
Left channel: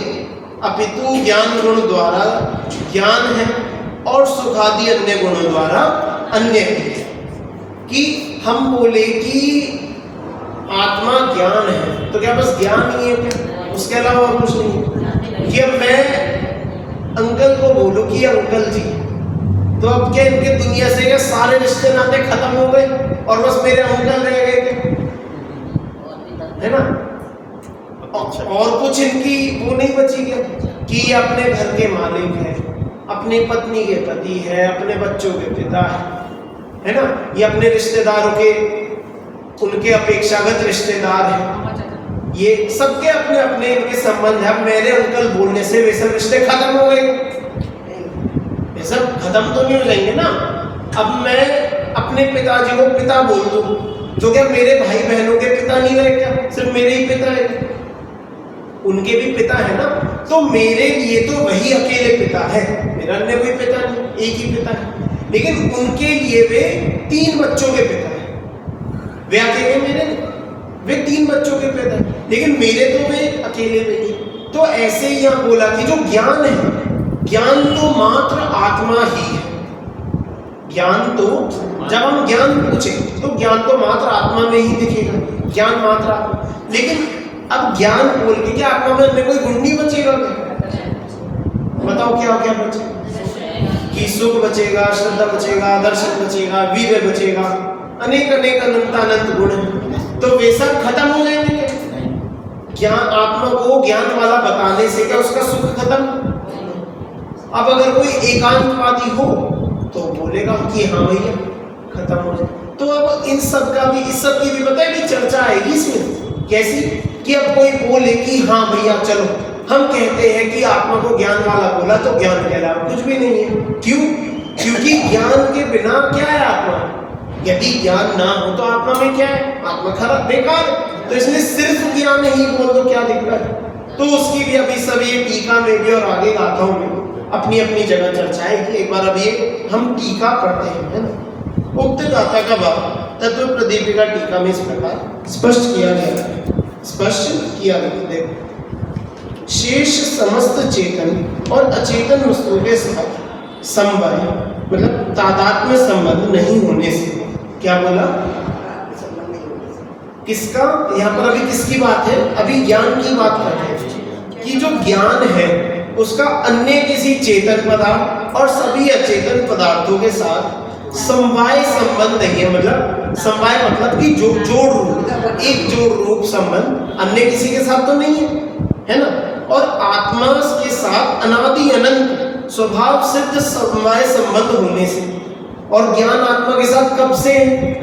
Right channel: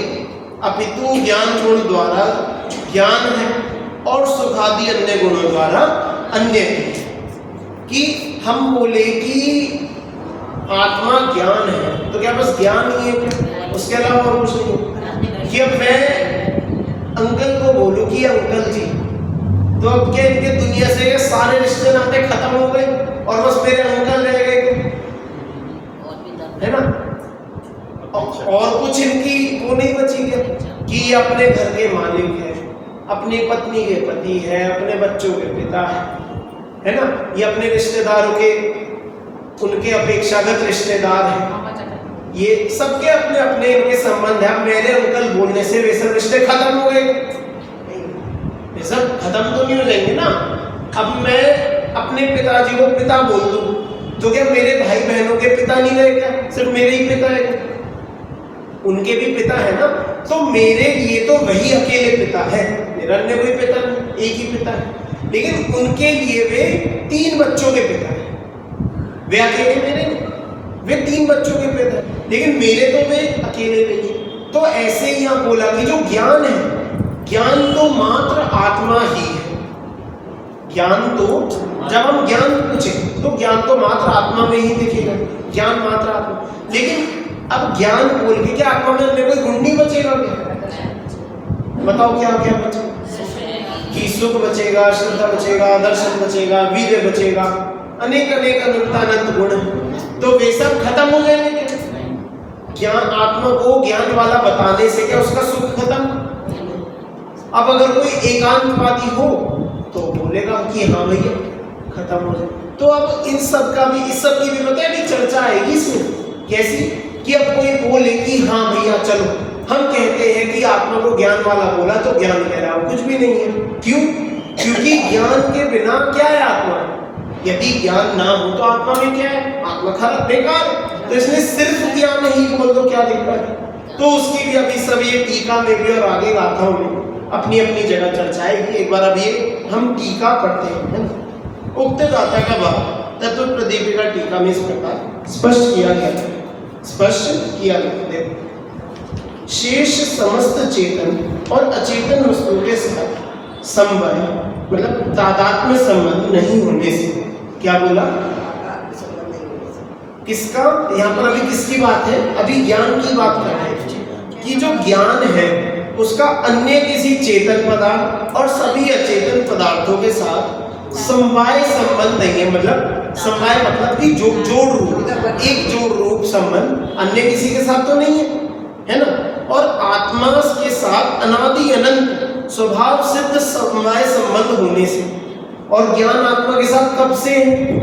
अपितु ज्ञान गुण द्वारा ज्ञान है और सुखादि अन्य गुणों द्वारा अन्य है। कि हम बोले कि आत्मा ज्ञान है तो क्या बस ज्ञान ही है क्या? उसके अलावा और कुछ नहीं है। कि अब मैं अंकल को बोलूं कि अंकल जी, तो अब क्या इनके दुनिया से सारे रिश्ते नाते खत्म हो गए और बस मेरे अंकल रह गए थे, है ना। और कुछ इनकी वो नहीं बची क्या कि ये अपने घर के मालिक है, अपनी पत्नी के पति है, अपने बच्चों के पिता है ना। ये अपने रिश्तेदारों के, उनके अपेक्षागत रिश्तेदार हैं। ये सबके अपने अपने इनके संबंध है। अब मेरे अंकल बोलने से वे सब रिश्ते खत्म हो गए? ये सब खत्म तो नहीं हो जाएंगे ना। अब मैं अपने पिताजी को पिता बोल दूं तो क्या मेरे भाई बहनों के पिता नहीं रहे क्या? सिर्फ मेरे ही पिता है? उनके भी पिता है ना। तो मेरे लिए तो वही अकेले पिता है, मेरा अन्य कोई पिता नहीं, एक ही पिता है। लेकिन उनके लिए वे 3 बच्चों के पिता है। वे अकेले मेरे नहीं, वे 3 बच्चों के पिता है, लेकिन मेरे तो वे अकेले नहीं। तो ऐसे ही यहाँ बोला कि जो ज्ञान है, ज्ञान तो मात्र आत्मा ही है। ज्ञान तो जब हम ज्ञान पूछे तो ज्ञान तो मात्र आत्मा में ही दिखेगा, ज्ञान मात्र आत्मा। लेकिन अब ज्ञान बोल के क्या आत्मा में अन्य कोई गुण नहीं बचेगा क्या? बताओ क्या क्या बचेगा? कि सुख बचेगा, श्रद्धा बचेगा, दर्शन बचेगा, वीर्य बचेगा, अनेक अनेक अनंत गुण हैं। तो वे सब खत्म हो जाएंगे क्या? ज्ञान आत्मा को ज्ञान वाला बताने से क्या उसका सुख खत्म? अब अगर कोई एकांतवादी हो तो बोलेगा कि हाँ भैया खत्म हो जाए। तो अब इन सब का भी, इस सब की भी पता है भी चर्चा आएगी इसमें। कैसी? कि अब कोई बोले कि हाँ भैया चलो हम कहते हैं कि आत्मा को ज्ञान वाला बोला तो ज्ञान कह रहा हो, कुछ भी नहीं है। क्यों? क्योंकि ज्ञान के बिना क्या है आत्मा? यदि ज्ञान ना हो तो आत्मा में क्या है? आत्मा खराब बेकार है। तो इसलिए सिर्फ ज्ञान ही बोल दो, क्या दिक्कत है? तो उसकी भी अभी सब ये टीका में भी और आगे गाथाओं में अपनी अपनी जगह चर्चा है कि एक बार अभी हम टीका पढ़ते हैं, है ना। उक्त गाथा का भाव तत्व प्रदीपिका टीका में इस प्रकार स्पष्ट किया गया है। स्पष्ट किया गया, देखो, शेष समस्त चेतन और अचेतन वस्तुओं के साथ संबंध मतलब तादात्म्य संबंध नहीं होने से क्या बोला? किसका? यहाँ पर अभी किसकी बात है? अभी ज्ञान की बात कर रहे हैं कि जो ज्ञान है उसका अन्य किसी चेतन पदार्थ और सभी अचेतन पदार्थों के साथ समवाय संबंध नहीं है। मतलब समवाय मतलब कि जोड़ रूप, एक जोड़ रूप संबंध अन्य किसी के साथ तो नहीं है ना। और आत्मा के साथ अनादि अनंत स्वभाव सिद्ध समवाय संबंध होने से, और ज्ञान आत्मा के साथ कब से है?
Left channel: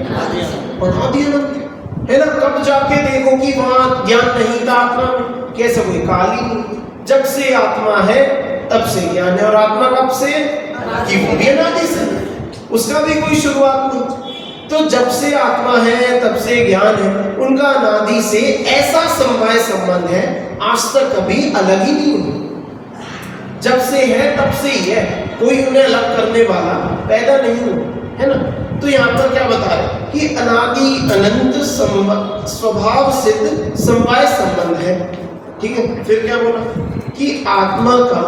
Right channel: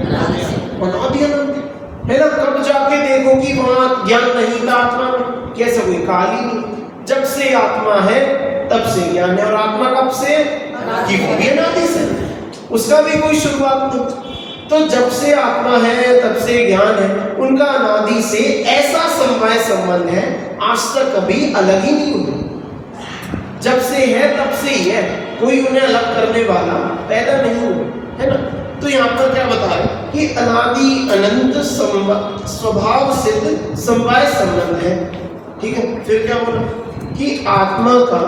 अनादि अनंत है ना। कब जाके देखो कि वहां ज्ञान नहीं था आत्मा में, कैसे कोई काल ही नहीं। जब से आत्मा है तब से ज्ञान है, और आत्मा कब से है? कि वो भी अनादि से, उसका भी कोई शुरुआत नहीं। तो जब से आत्मा है तब से ज्ञान है, उनका अनादि से ऐसा समवाय संबंध है, आज तक कभी अलग ही नहीं हुआ। जब से है तब से ही है, कोई उन्हें अलग करने वाला पैदा नहीं हुआ, है ना। तो यहाँ पर क्या बता रहे कि अनादि अनंत स्वभाव सिद्ध समवाय संबंध है, ठीक है। फिर क्या बोला कि आत्मा का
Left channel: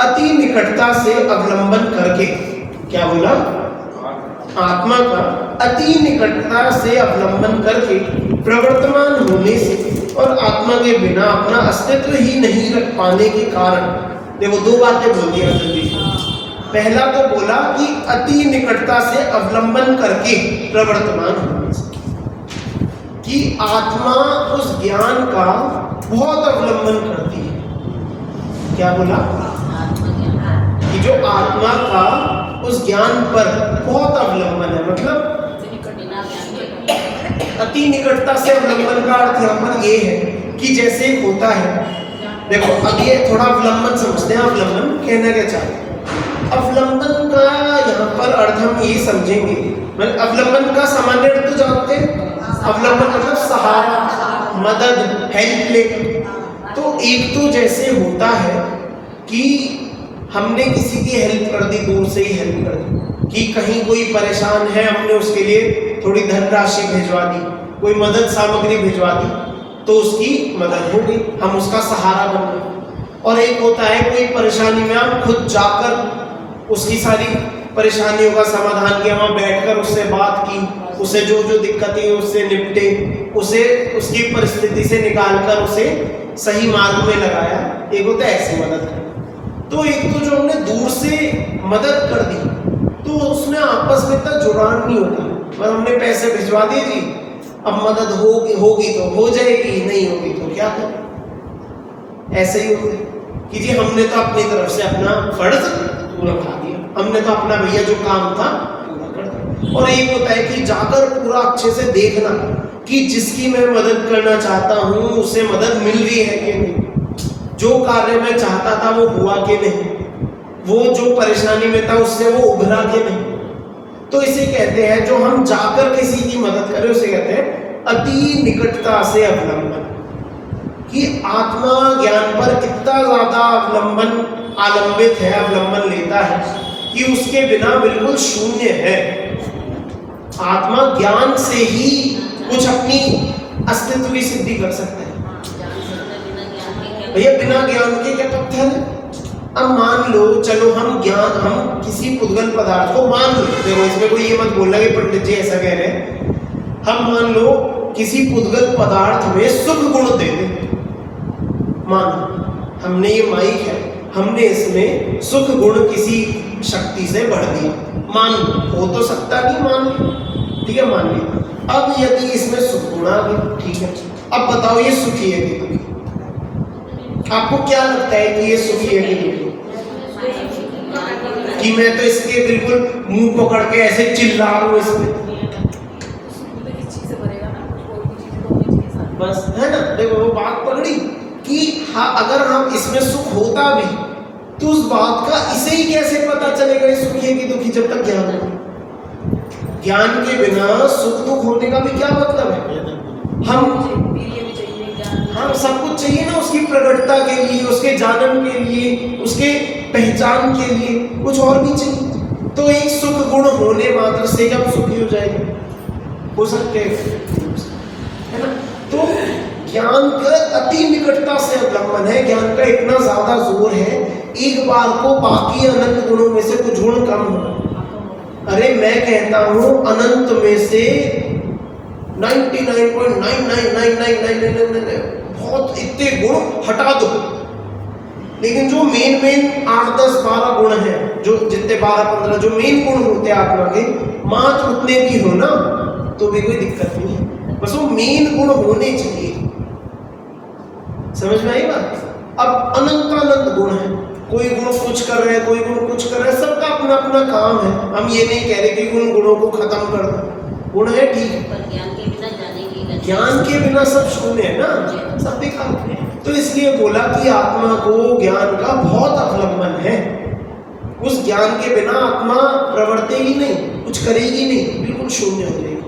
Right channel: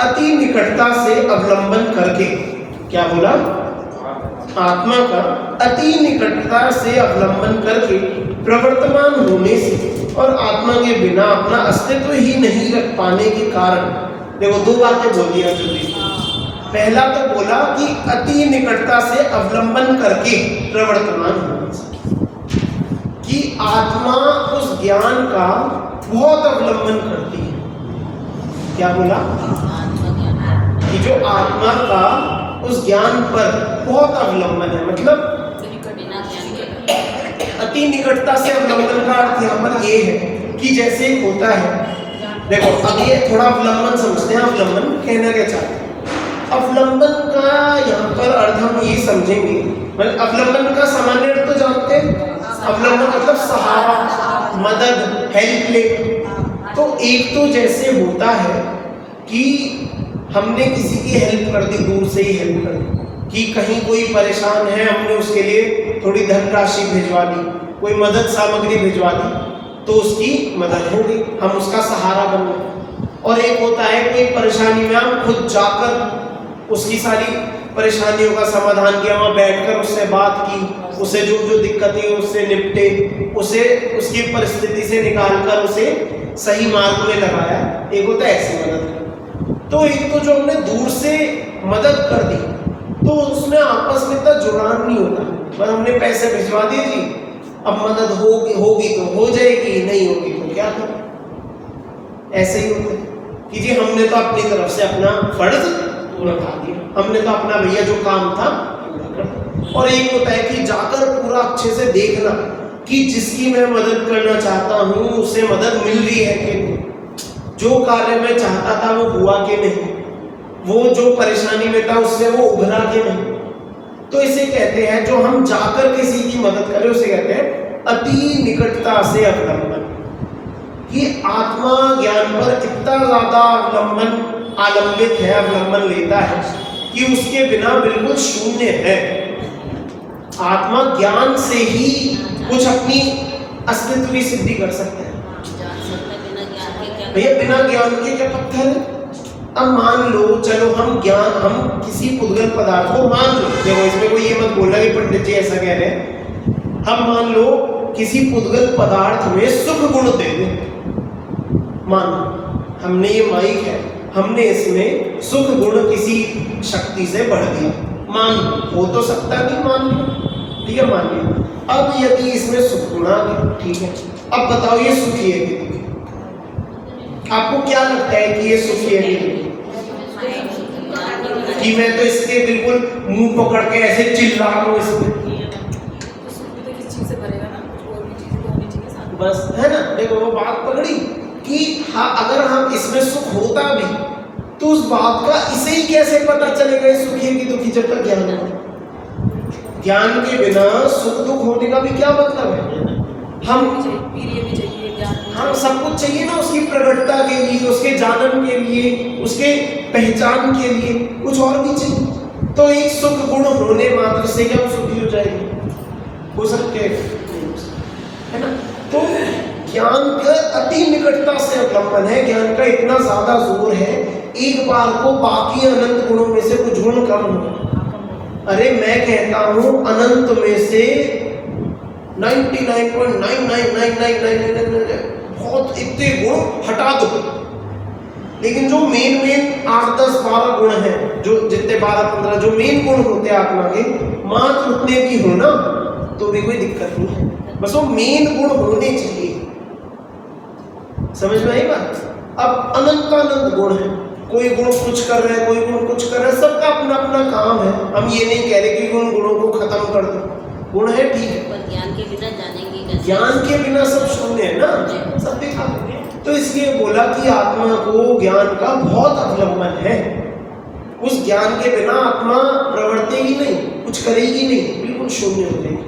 अति निकटता से अवलंबन करके, क्या बोला? आत्मा का अति निकटता से अवलंबन करके प्रवर्तमान होने से और आत्मा के बिना अपना अस्तित्व ही नहीं रख पाने के कारण, देखो दो बातें बोल दिया जल्दी। पहला तो बोला कि अति निकटता से अवलंबन करके प्रवर्तमान होने से, कि आत्मा उस ज्ञान का बहुत अवलंबन करती है। क्या बोला? कि जो आत्मा का उस ज्ञान पर बहुत अवलंबन है, मतलब अति निकटता से अवलंबन का अर्थ यहाँ पर ये है कि जैसे होता है, देखो अब ये थोड़ा अवलंबन समझते हैं। अवलंबन कहना क्या चाहते हैं? अवलंबन का यहाँ पर अर्थ हम ये समझेंगे, मतलब अवलंबन का सामान्य अर्थ तो जानते हैं। अवलंबन मतलब सहारा, मदद, हेल्प ले। तो एक तो जैसे होता है कि हमने किसी की हेल्प कर दी, दूर से ही हेल्प कर दी, कि कहीं कोई परेशान है, हमने उसके लिए थोड़ी धनराशि भिजवा दी, कोई मदद सामग्री भिजवा दी, तो उसकी मदद हो गई, हम उसका सहारा बन गए। और एक होता है कोई परेशानी में हम खुद जाकर उसकी सारी परेशानियों का समाधान किया, वहाँ बैठकर उससे बात की, उसे जो जो दिक्कतें उससे निपटे, उसे उसकी परिस्थिति से निकालकर उसे सही मार्ग में लगाया। एक होता है ऐसी मदद कर। तो एक तो जो हमने दूर से मदद कर दी, तो उसमें आपस में इतना जुड़ान नहीं होगा, बस हमने पैसे भिजवा दिए जी, अब मदद होगी तो हो जाएगी, नहीं होगी तो क्या करें। ऐसे ही होते कि जी हमने तो अपनी तरफ से अपना फर्ज पूरा उठा दिया, हमने तो अपना भैया जो काम था पूरा कर दिया। और एक होता है कि जाकर पूरा अच्छे से देखना कि जिसकी मैं मदद करना चाहता हूँ उसे मदद मिल रही है कि नहीं, जो कार्य मैं चाहता था वो हुआ कि नहीं, वो जो परेशानी में था उससे वो उभरा कि नहीं। तो इसे कहते हैं, जो हम जाकर किसी की मदद करें उसे कहते हैं अति निकटता से अवलंबन। कि आत्मा ज्ञान पर इतना ज्यादा आलंबित है, अवलंबन लेता है कि उसके बिना बिल्कुल शून्य है। आत्मा ज्ञान से ही कुछ अपनी अस्तित्व की सिद्धि कर सकता है। भैया बिना ज्ञान के क्या पत्थर है? अब मान लो, चलो हम किसी पुद्गल पदार्थ को मान लो, देखो इसमें कोई ये मत बोलना कि पंडित जी ऐसा कह रहे हैं, हम मान लो किसी पुद्गल पदार्थ में सुख गुण दे दें। मान लो हमने ये माइक है, हमने इसमें सुख गुण किसी शक्ति से बढ़ दिया, मान लो, हो तो सकता नहीं, मान लो, ठीक है, मान लिया। अब यदि इसमें सुख गुण आ गए, ठीक है, अब बताओ ये सुखी है कि दुखी? आपको क्या लगता है कि ये सुखी है कि दुखी? कि मैं तो इसके बिल्कुल मुंह पकड़ के ऐसे चिल्ला रहा हूँ इसमें, बस, है ना। देखो वो बात पकड़ी कि हाँ, अगर हम इसमें सुख होता भी तो उस बात का इसे ही कैसे पता चलेगा ये सुखी है कि दुखी, जब तक ज्ञान हो। ज्ञान के बिना सुख दुख होने का भी क्या मतलब है? हम सब कुछ चाहिए ना, उसकी प्रकटता के लिए, उसके जानन के लिए, उसके पहचान के लिए, कुछ और भी चाहिए। तो एक सुख गुण होने मात्र से क्या सुखी हो जाएगी? हो सकते है ना। तो ज्ञान का अति निकटता से अवलंबन है, ज्ञान का इतना ज्यादा जोर है, एक बार को बाकी अनंत गुणों में से कुछ गुण कम हो। अरे मैं कहता हूं अनंत में से 99.99999 बहुत इतने गुण हटा दो, लेकिन जो मेन 8, 10, 12 गुण हैं, जो जितने 12, 15 जो मेन गुण होते हैं आत्मा के, मात्र उतने भी हो ना तो भी कोई दिक्कत नहीं है, बस वो मेन गुण होने चाहिए। समझ में आई बात? अब अनंत गुण है, कोई गुण कुछ कर रहे हैं, कोई गुण कुछ कर रहे हैं, सबका अपना अपना काम है। हम ये नहीं कह रहे कि उन गुणों को खत्म कर दो, गुण है ठीक है, पर ज्ञान के बिना जानेंगे ज्ञान के बिना सब शून्य है ना, सब दिखा। तो इसलिए बोला कि आत्मा को ज्ञान का बहुत अवलंबन है। उस ज्ञान के बिना आत्मा प्रवर्तेगी नहीं, कुछ करेगी नहीं, बिल्कुल शून्य हो जाएगी।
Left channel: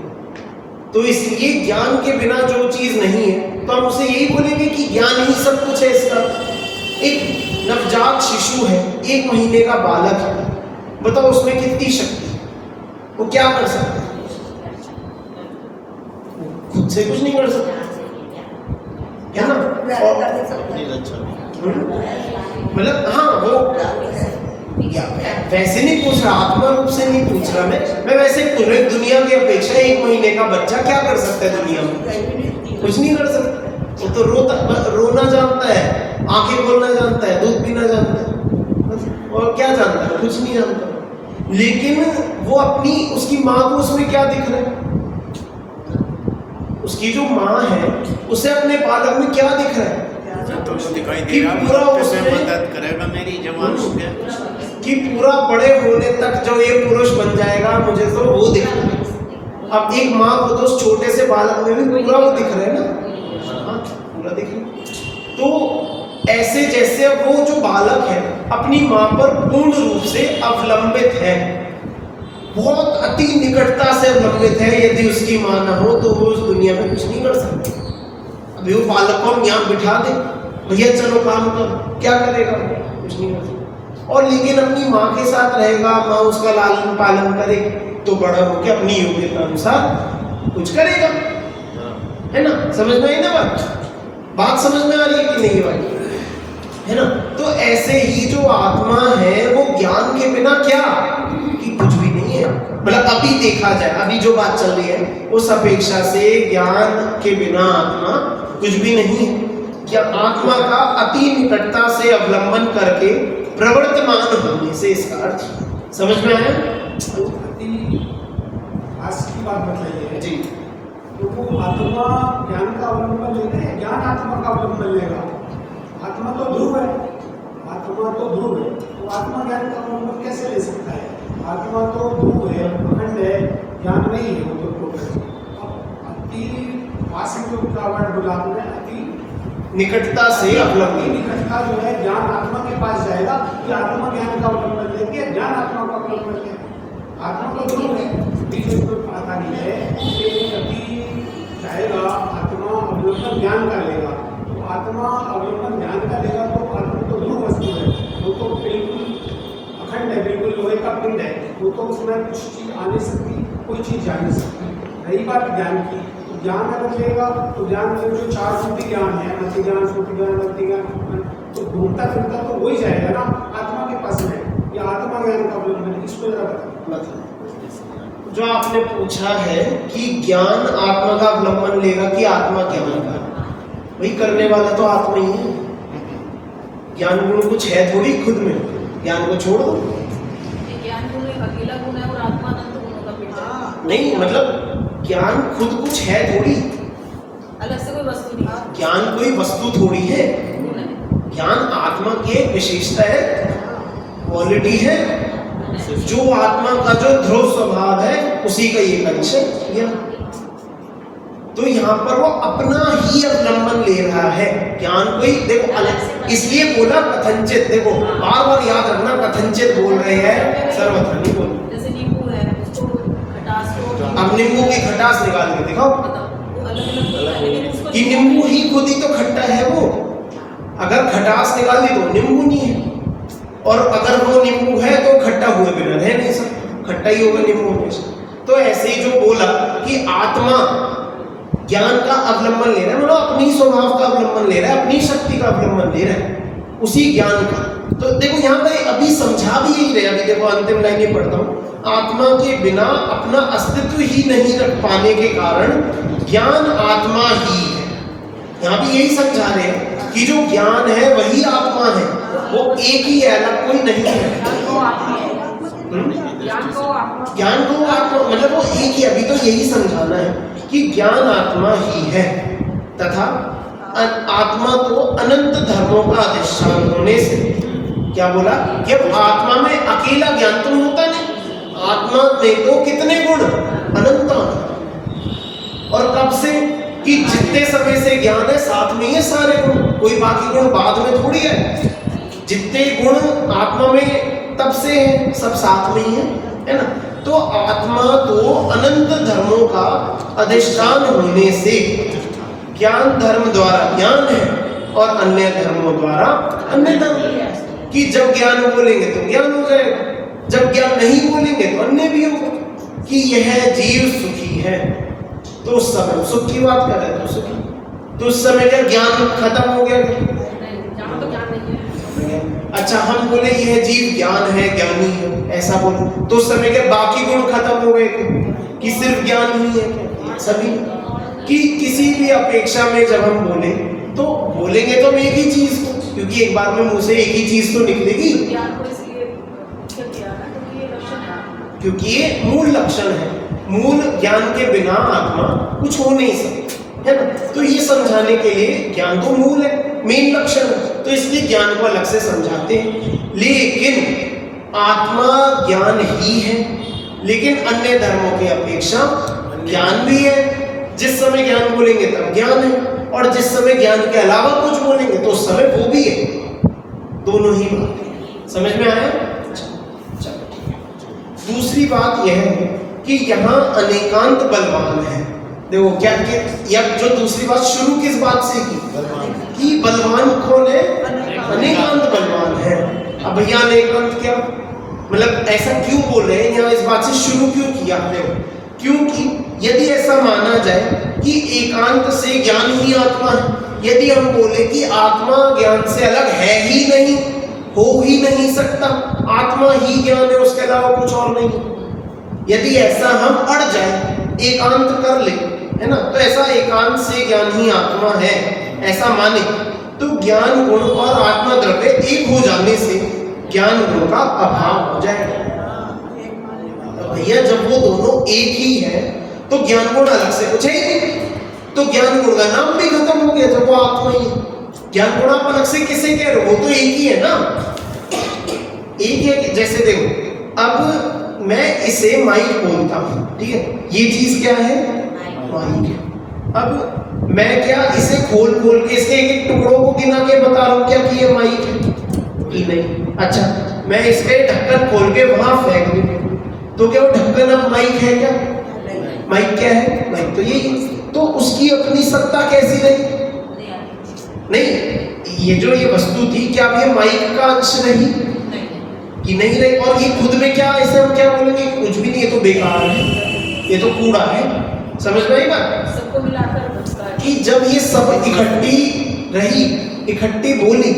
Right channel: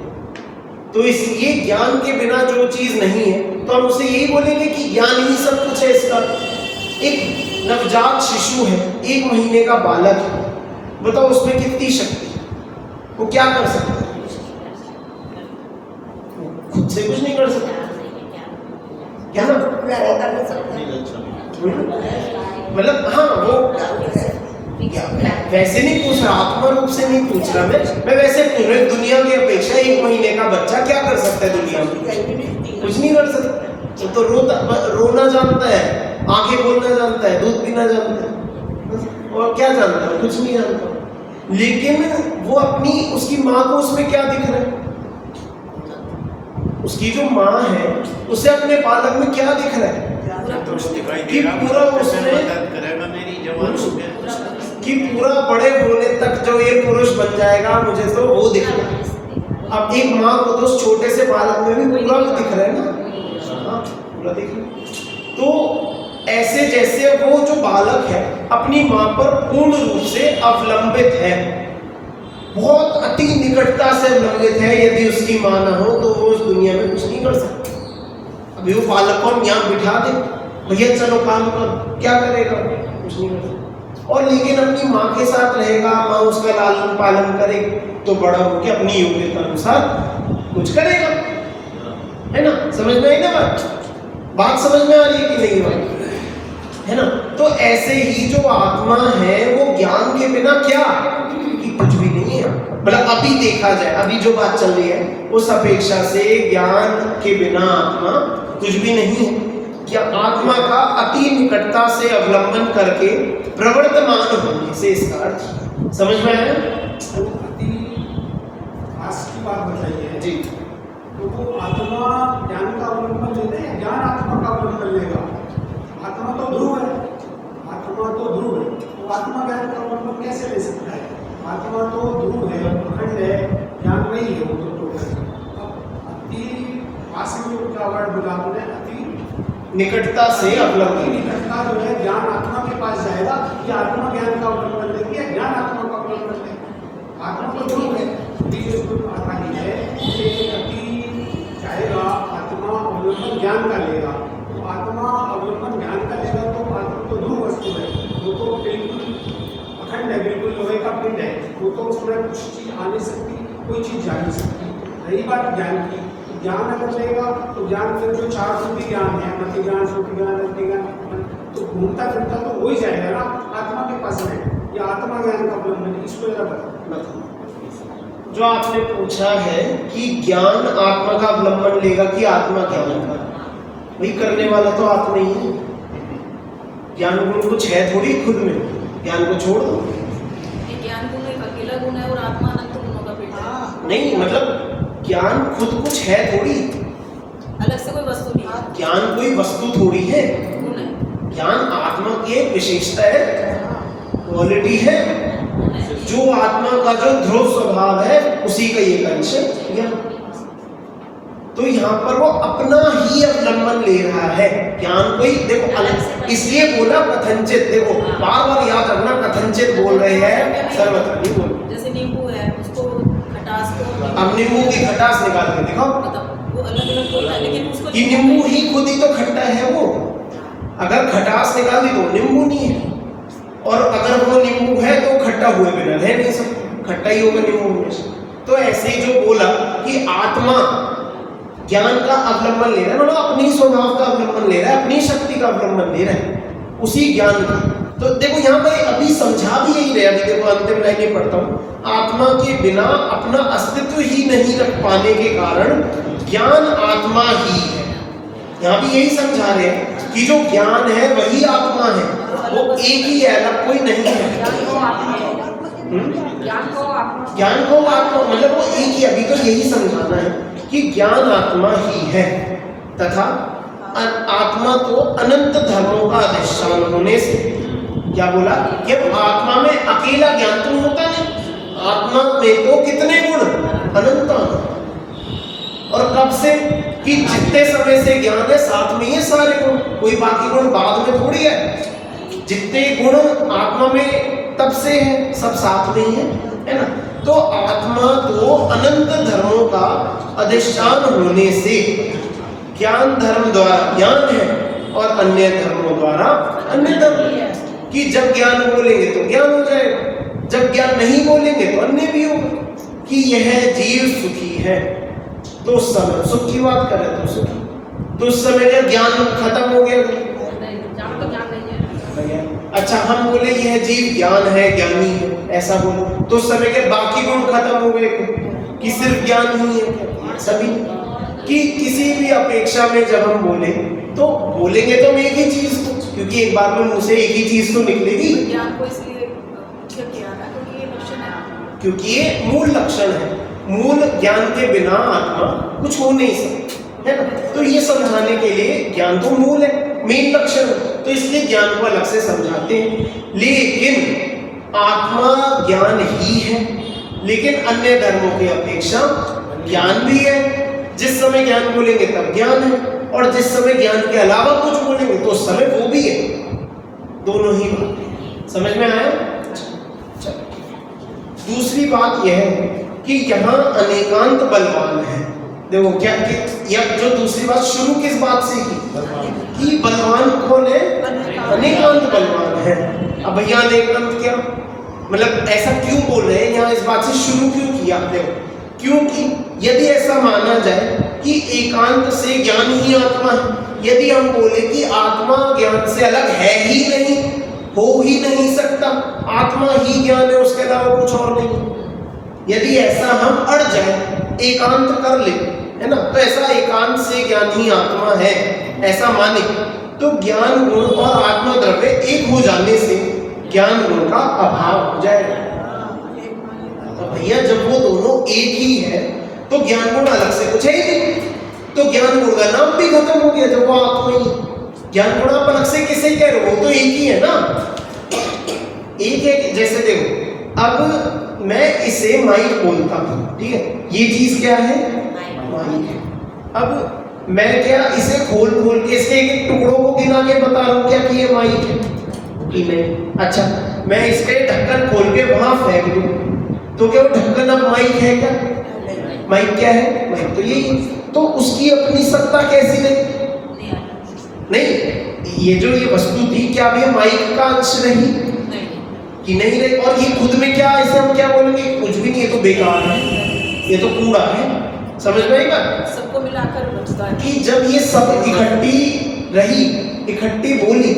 तो इसलिए ज्ञान के बिना जो चीज नहीं है तो हम उसे यही बोलेंगे कि ज्ञान ही सब कुछ है इसका। एक नवजात शिशु है, 1 महीने का बालक है, बताओ उसमें कितनी शक्ति है, वो क्या कर सकता है? खुद से कुछ नहीं कर सकता है ना। मतलब हाँ, वो वैसे नहीं पूछ रहा, आत्मा रूप से नहीं पूछ रहा मैं वैसे पूछ रहा हूँ। दुनिया की अपेक्षा 1 महीने का बच्चा क्या कर सकता है दुनिया में? कुछ नहीं कर सकता। वो तो रोना जानता है, आंखें खोलना जानता है, दूध पीना जानता है, और क्या जानता है? कुछ नहीं जानता। लेकिन वो अपनी उसकी माँ को उसमें क्या दिख रहा है? उसकी जो माँ है उसे अपने बालक में क्या दिख रहा है? कि पूरा उसमें करेगा मेरी जवान कि पूरा बड़े होने तक जो ये पुरुष बन जाएगा, मुझे तो वो दिख रहा है। अब एक माँ को तो उस छोटे से बालक में भी पूरा वो दिख रहा है ना, हाँ पूरा दिख रहा है। तो ऐसे जैसे वो जो बालक है अपनी माँ पर पूर्ण रूप से अवलंबित है, बहुत अति निकटता से अवलंबित है। यदि उसकी माँ ना हो तो वो उस दुनिया में कुछ नहीं कर सकता। अभी वो बालक को हम यहाँ बिठा दे, भैया चलो काम कर, क्या करेगा? कुछ नहीं कर सकता। और लेकिन अपनी माँ के साथ रहेगा, माँ उसका लालन पालन करेगी, तो बड़ा होकर अपनी योग्यता अनुसार कुछ करेगा, है ना? समझ में आई ना बात समझ में आ रही है कि नहीं भाई? है ना? तो ऐसे ही जो आत्मा है वो ज्ञान के बिना क्या कि कुछ भी नहीं है। मतलब अभी देखा जाए, अभी जो बात चल रही है उस अपेक्षा से ज्ञान के बिना आत्मा कुछ भी नहीं है। क्या आत्मा का अति निकटता से अवलंबन करके प्रवर्तमान होने से इसका अर्थ समझ में आया? अति आस की बात बताइए जी। तो वो आत्मा ज्ञान का अवलंबन लेते हैं, ज्ञान आत्मा का अवलंबन लेगा। आत्मा तो ध्रुव है, आत्मा तो ध्रुव है, तो आत्मा ज्ञान का अवलंबन कैसे ले सकता है? आत्मा तो ध्रुव है, अखंड है, ज्ञान नहीं है वो तो अति आस का वर्ड बोला आपने, अति निकटता से अवलंबन। निकटता जो है ज्ञान आत्मा के पास जाएगा कि आत्मा ज्ञान का अवलंबन लेगी, ज्ञान आत्मा का अवलंबन लेगा। आत्मा तो ध्रुव है, बीच में कोई आता नहीं है, अति जाएगा, आत्मा अवलंबन ज्ञान का लेगा। तो आत्मा अवलंबन ज्ञान का लेगा तो आत्मा तो ध्रुव वस्तु है, वो तो बिल्कुल अखंड है, बिल्कुल लोहे का पिंड है, वो तो उसमें कुछ चीज आ नहीं सकती, कोई चीज जा नहीं सकती। रही बात ज्ञान की, ज्ञान अगर लेगा तो ज्ञान के जो 4 श्रुति ज्ञान है, मति ज्ञान, श्रुति ज्ञान, अति ज्ञान, तो घूमता फिरता तो वही जाएगा ना आत्मा के पास में, या आत्मा ज्ञान का अवलंबन है। इसको जरा बताओ। जो आपने पूछा है कि ज्ञान आत्मा का अवलंबन लेगा कि आत्मा क्या लेगा, वही करने वाला तो आत्मा ही है। ज्ञान गुण कुछ है थोड़ी खुद में, ज्ञान को छोड़ दो। ज्ञान गुण एक अकेला गुण है और आत्मा अनंत गुणों का भेद है। नहीं मतलब ज्ञान खुद कुछ है थोड़ी, अलग से कोई वस्तु नहीं, ज्ञान कोई वस्तु थोड़ी है। गुण है, ज्ञान आत्मा की एक विशेषता है, क्वालिटी है। जो आत्मा का जो ध्रुव स्वभाव है उसी का ये कंडीशन ज्ञान। तो यहाँ पर वो अपना ही अवलंबन ले रहा है। ज्ञान कोई देखो अलग, इसलिए बोला कथनचित। देखो बार बार याद रखना, कथनचित बोल रहे हैं, सर्वथा नहीं बोल। जैसे नींबू है, उसको खटास को अब नींबू की खटास निकाल के दिखाओ मतलब वो अलग अलग बोलता है, लेकिन उसको कि नींबू ही खुद ही तो खट्टा है। वो अगर खटास निकाल दी तो नींबू नहीं है, और अगर वो नींबू है तो खट्टा हुए बिना रह नहीं सकता, खट्टा ही होगा नींबू में। तो ऐसे ही जो बोला कि आत्मा ज्ञान का अवलंबन ले रहा है, मतलब अपनी स्वभाव का अवलंबन ले रहा है, अपनी शक्ति का अवलंबन ले रहा है, उसी ज्ञान का। तो देखो यहाँ पर अभी समझा भी यही रहे। अभी देखो अंतिम लाइन में पढ़ता हूँ, आत्मा के बिना अपना अस्तित्व ही नहीं रख पाने के कारण ज्ञान आत्मा ही है। यहाँ भी यही समझा रहे हैं कि जो ज्ञान है वही आत्मा है, वो एक ही है, अलग कोई नहीं है। ज्ञान को आत्मा है। ज्ञान को आत्मा, ज्ञान को आत्मा मतलब वो एक ही। अभी तो यही समझाना है कि ज्ञान आत्मा ही है तथा आत्मा तो अनंत धर्मों का अधिष्ठान होने से, क्या बोला कि अब आत्मा में अकेला ज्ञान तो होता नहीं, आत्मा में तो कितने गुण अनंत। और कब से कि जितने समय से ज्ञान है साथ में ये सारे गुण, कोई बाकी गुण बाद में थोड़ी है। जितने गुण आत्मा में तब से है, सब साथ में ही है ना। तो आत्मा तो अनंत धर्मों का अधिष्ठान होने से ज्ञान धर्म द्वारा ज्ञान है और अन्य धर्मों द्वारा अन्य धर्म। कि जब ज्ञान बोलेंगे तो ज्ञान हो जाएगा, जब ज्ञान नहीं बोलेंगे तो अन्य भी होगा। कि यह जीव सुखी है तो उस समय सुख की बात कर रहे तो सुखी, तो उस समय का ज्ञान खत्म हो गया। ज्ञान तो ज्ञान नहीं है। अच्छा हम बोले यह जीव ज्ञान है, ज्ञानी है, ऐसा बोलो तो उस समय के बाकी गुण खत्म हो गए कि सिर्फ ज्ञान ही है सभी। कि किसी भी अपेक्षा में जब हम बोले तो बोलेंगे तो हम एक ही चीज को, क्योंकि एक बार में मुंह से एक ही चीज तो निकलेगी। ज्ञान को इसलिए किया ना क्योंकि ये लक्षण है आत्मा, क्योंकि ये मूल लक्षण है, मूल ज्ञान के बिना आत्मा कुछ हो नहीं सकता, है ना। तो ये समझाने के लिए ज्ञान तो मूल है, मेन लक्षण है, तो इसलिए ज्ञान को अलग से समझाते हैं। लेकिन आत्मा ज्ञान ही है, लेकिन अन्य धर्मों की अपेक्षा ज्ञान भी है। जिस समय ज्ञान बोलेंगे तब ज्ञान है, और जिस समय ज्ञान के अलावा कुछ बोलेंगे तो उस समय वो भी है। दोनों ही बातें समझ में आया। चलो दूसरी बात यह है कि यहाँ अनेकांत बलवान है। देखो क्या कि जो दूसरी बात शुरू किस बात से की कि बलवान कौन है, अनेकांत बलवान है। अब भैया अनेकांत क्या मतलब, ऐसा क्यों बोल रहे हैं यहाँ, इस बात से शुरू क्यों किया। देखो क्योंकि यदि ऐसा माना जाए कि एकांत से ज्ञान ही आत्मा है, यदि हम बोले कि आत्मा ज्ञान से अलग है ही नहीं, हो ही नहीं सकता, आत्मा ही ज्ञान है उसके अलावा कुछ और नहीं, यदि ऐसा हम अड़ जाए, एकांत कर ले, है ना, तो ऐसा एकांत से ज्ञान ही आत्मा है ऐसा माने, तो ज्ञान गुण और आत्मा द्रव्य एक हो जाने से ज्ञान गुण का अभाव हो जाएगा। भैया जब वो दोनों एक ही है तो ज्ञान गुण अलग से कुछ है ही नहीं, तो ज्ञान गुण का नाम भी खत्म हो गया जब वो आत्मा ही है। ज्ञान गुण आप अलग से किसे कह रहे हो, वो तो एक ही है ना, एक है। जैसे देखो अब मैं इसे माइक बोलता हूँ, ठीक है, ये चीज क्या है, माइक है। अब मैं क्या इसे खोल खोल के इसके एक एक टुकड़ों को गिना के बता रहा हूँ क्या कि ये माइक है कि नहीं। अच्छा मैं इसके ढक्कन खोल के वहां फेंक दूं तो क्या वो ढक्कन अब माइक है क्या, माइक क्या है, माइक तो यही। तो उसकी अपनी सत्ता कैसी नहीं, ये जो ये वस्तु थी क्या अब ये माइक का अंश रही कि नहीं रही। और ये खुद में क्या, इसे हम क्या बोलेंगे, कुछ भी नहीं, ये तो बेकार है, ये तो कूड़ा है। समझ में आएगा सबको मिलाकर बचता है कि जब ये सब इकट्ठी रही, इकट्ठी बोली,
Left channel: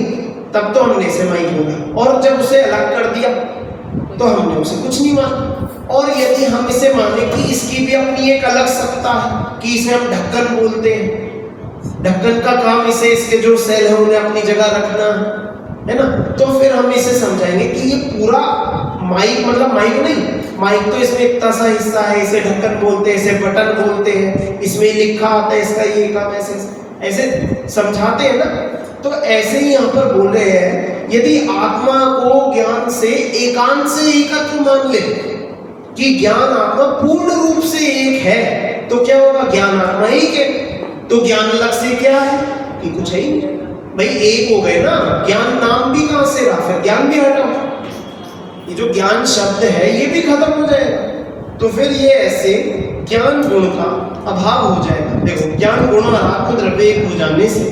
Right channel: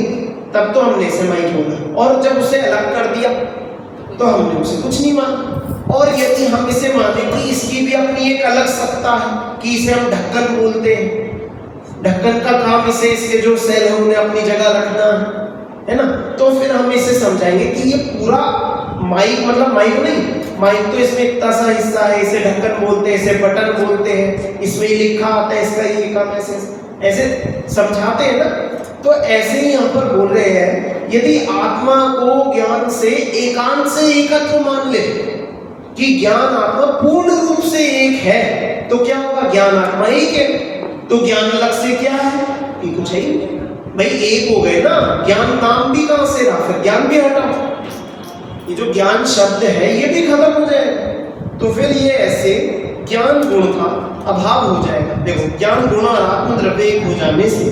तब तो हमने इसे माइक बोला, और जब उसे अलग कर दिया तो हमने उसे कुछ नहीं माना। और यदि हम इसे माने कि इसकी भी अपनी एक अलग सत्ता है, कि इसे हम ढक्कन बोलते हैं, ढक्कन का काम इसे इसके जो सेल है उन्हें अपनी जगह रखना है ना, तो फिर हम इसे समझाएंगे कि ये पूरा माइक मतलब माइक नहीं, माइक तो इसमें इतना सा हिस्सा है, इसे ढक्कन बोलते हैं, इसे बटन बोलते हैं, इसमें लिखा आता है इसका ये काम, ऐसे ऐसे समझाते हैं ना। तो ऐसे ही यहाँ पर बोल रहे हैं, यदि आत्मा को ज्ञान से एकांत से एकत्व मान ले कि ज्ञान आत्मा पूर्ण रूप से एक है, तो क्या होगा, ज्ञान आत्मा एक है, तो ज्ञान अलग से क्या है कि कुछ है ही नहीं। भाई एक हो गए ना, ज्ञान नाम भी कहां से रहा, फिर ज्ञान भी हटा, ये जो ज्ञान शब्द है ये भी खत्म हो जाएगा। तो फिर ये ऐसे ज्ञान गुण का अभाव हो जाएगा। देखो ज्ञान गुण और आत्म द्रव्य एक हो जाने से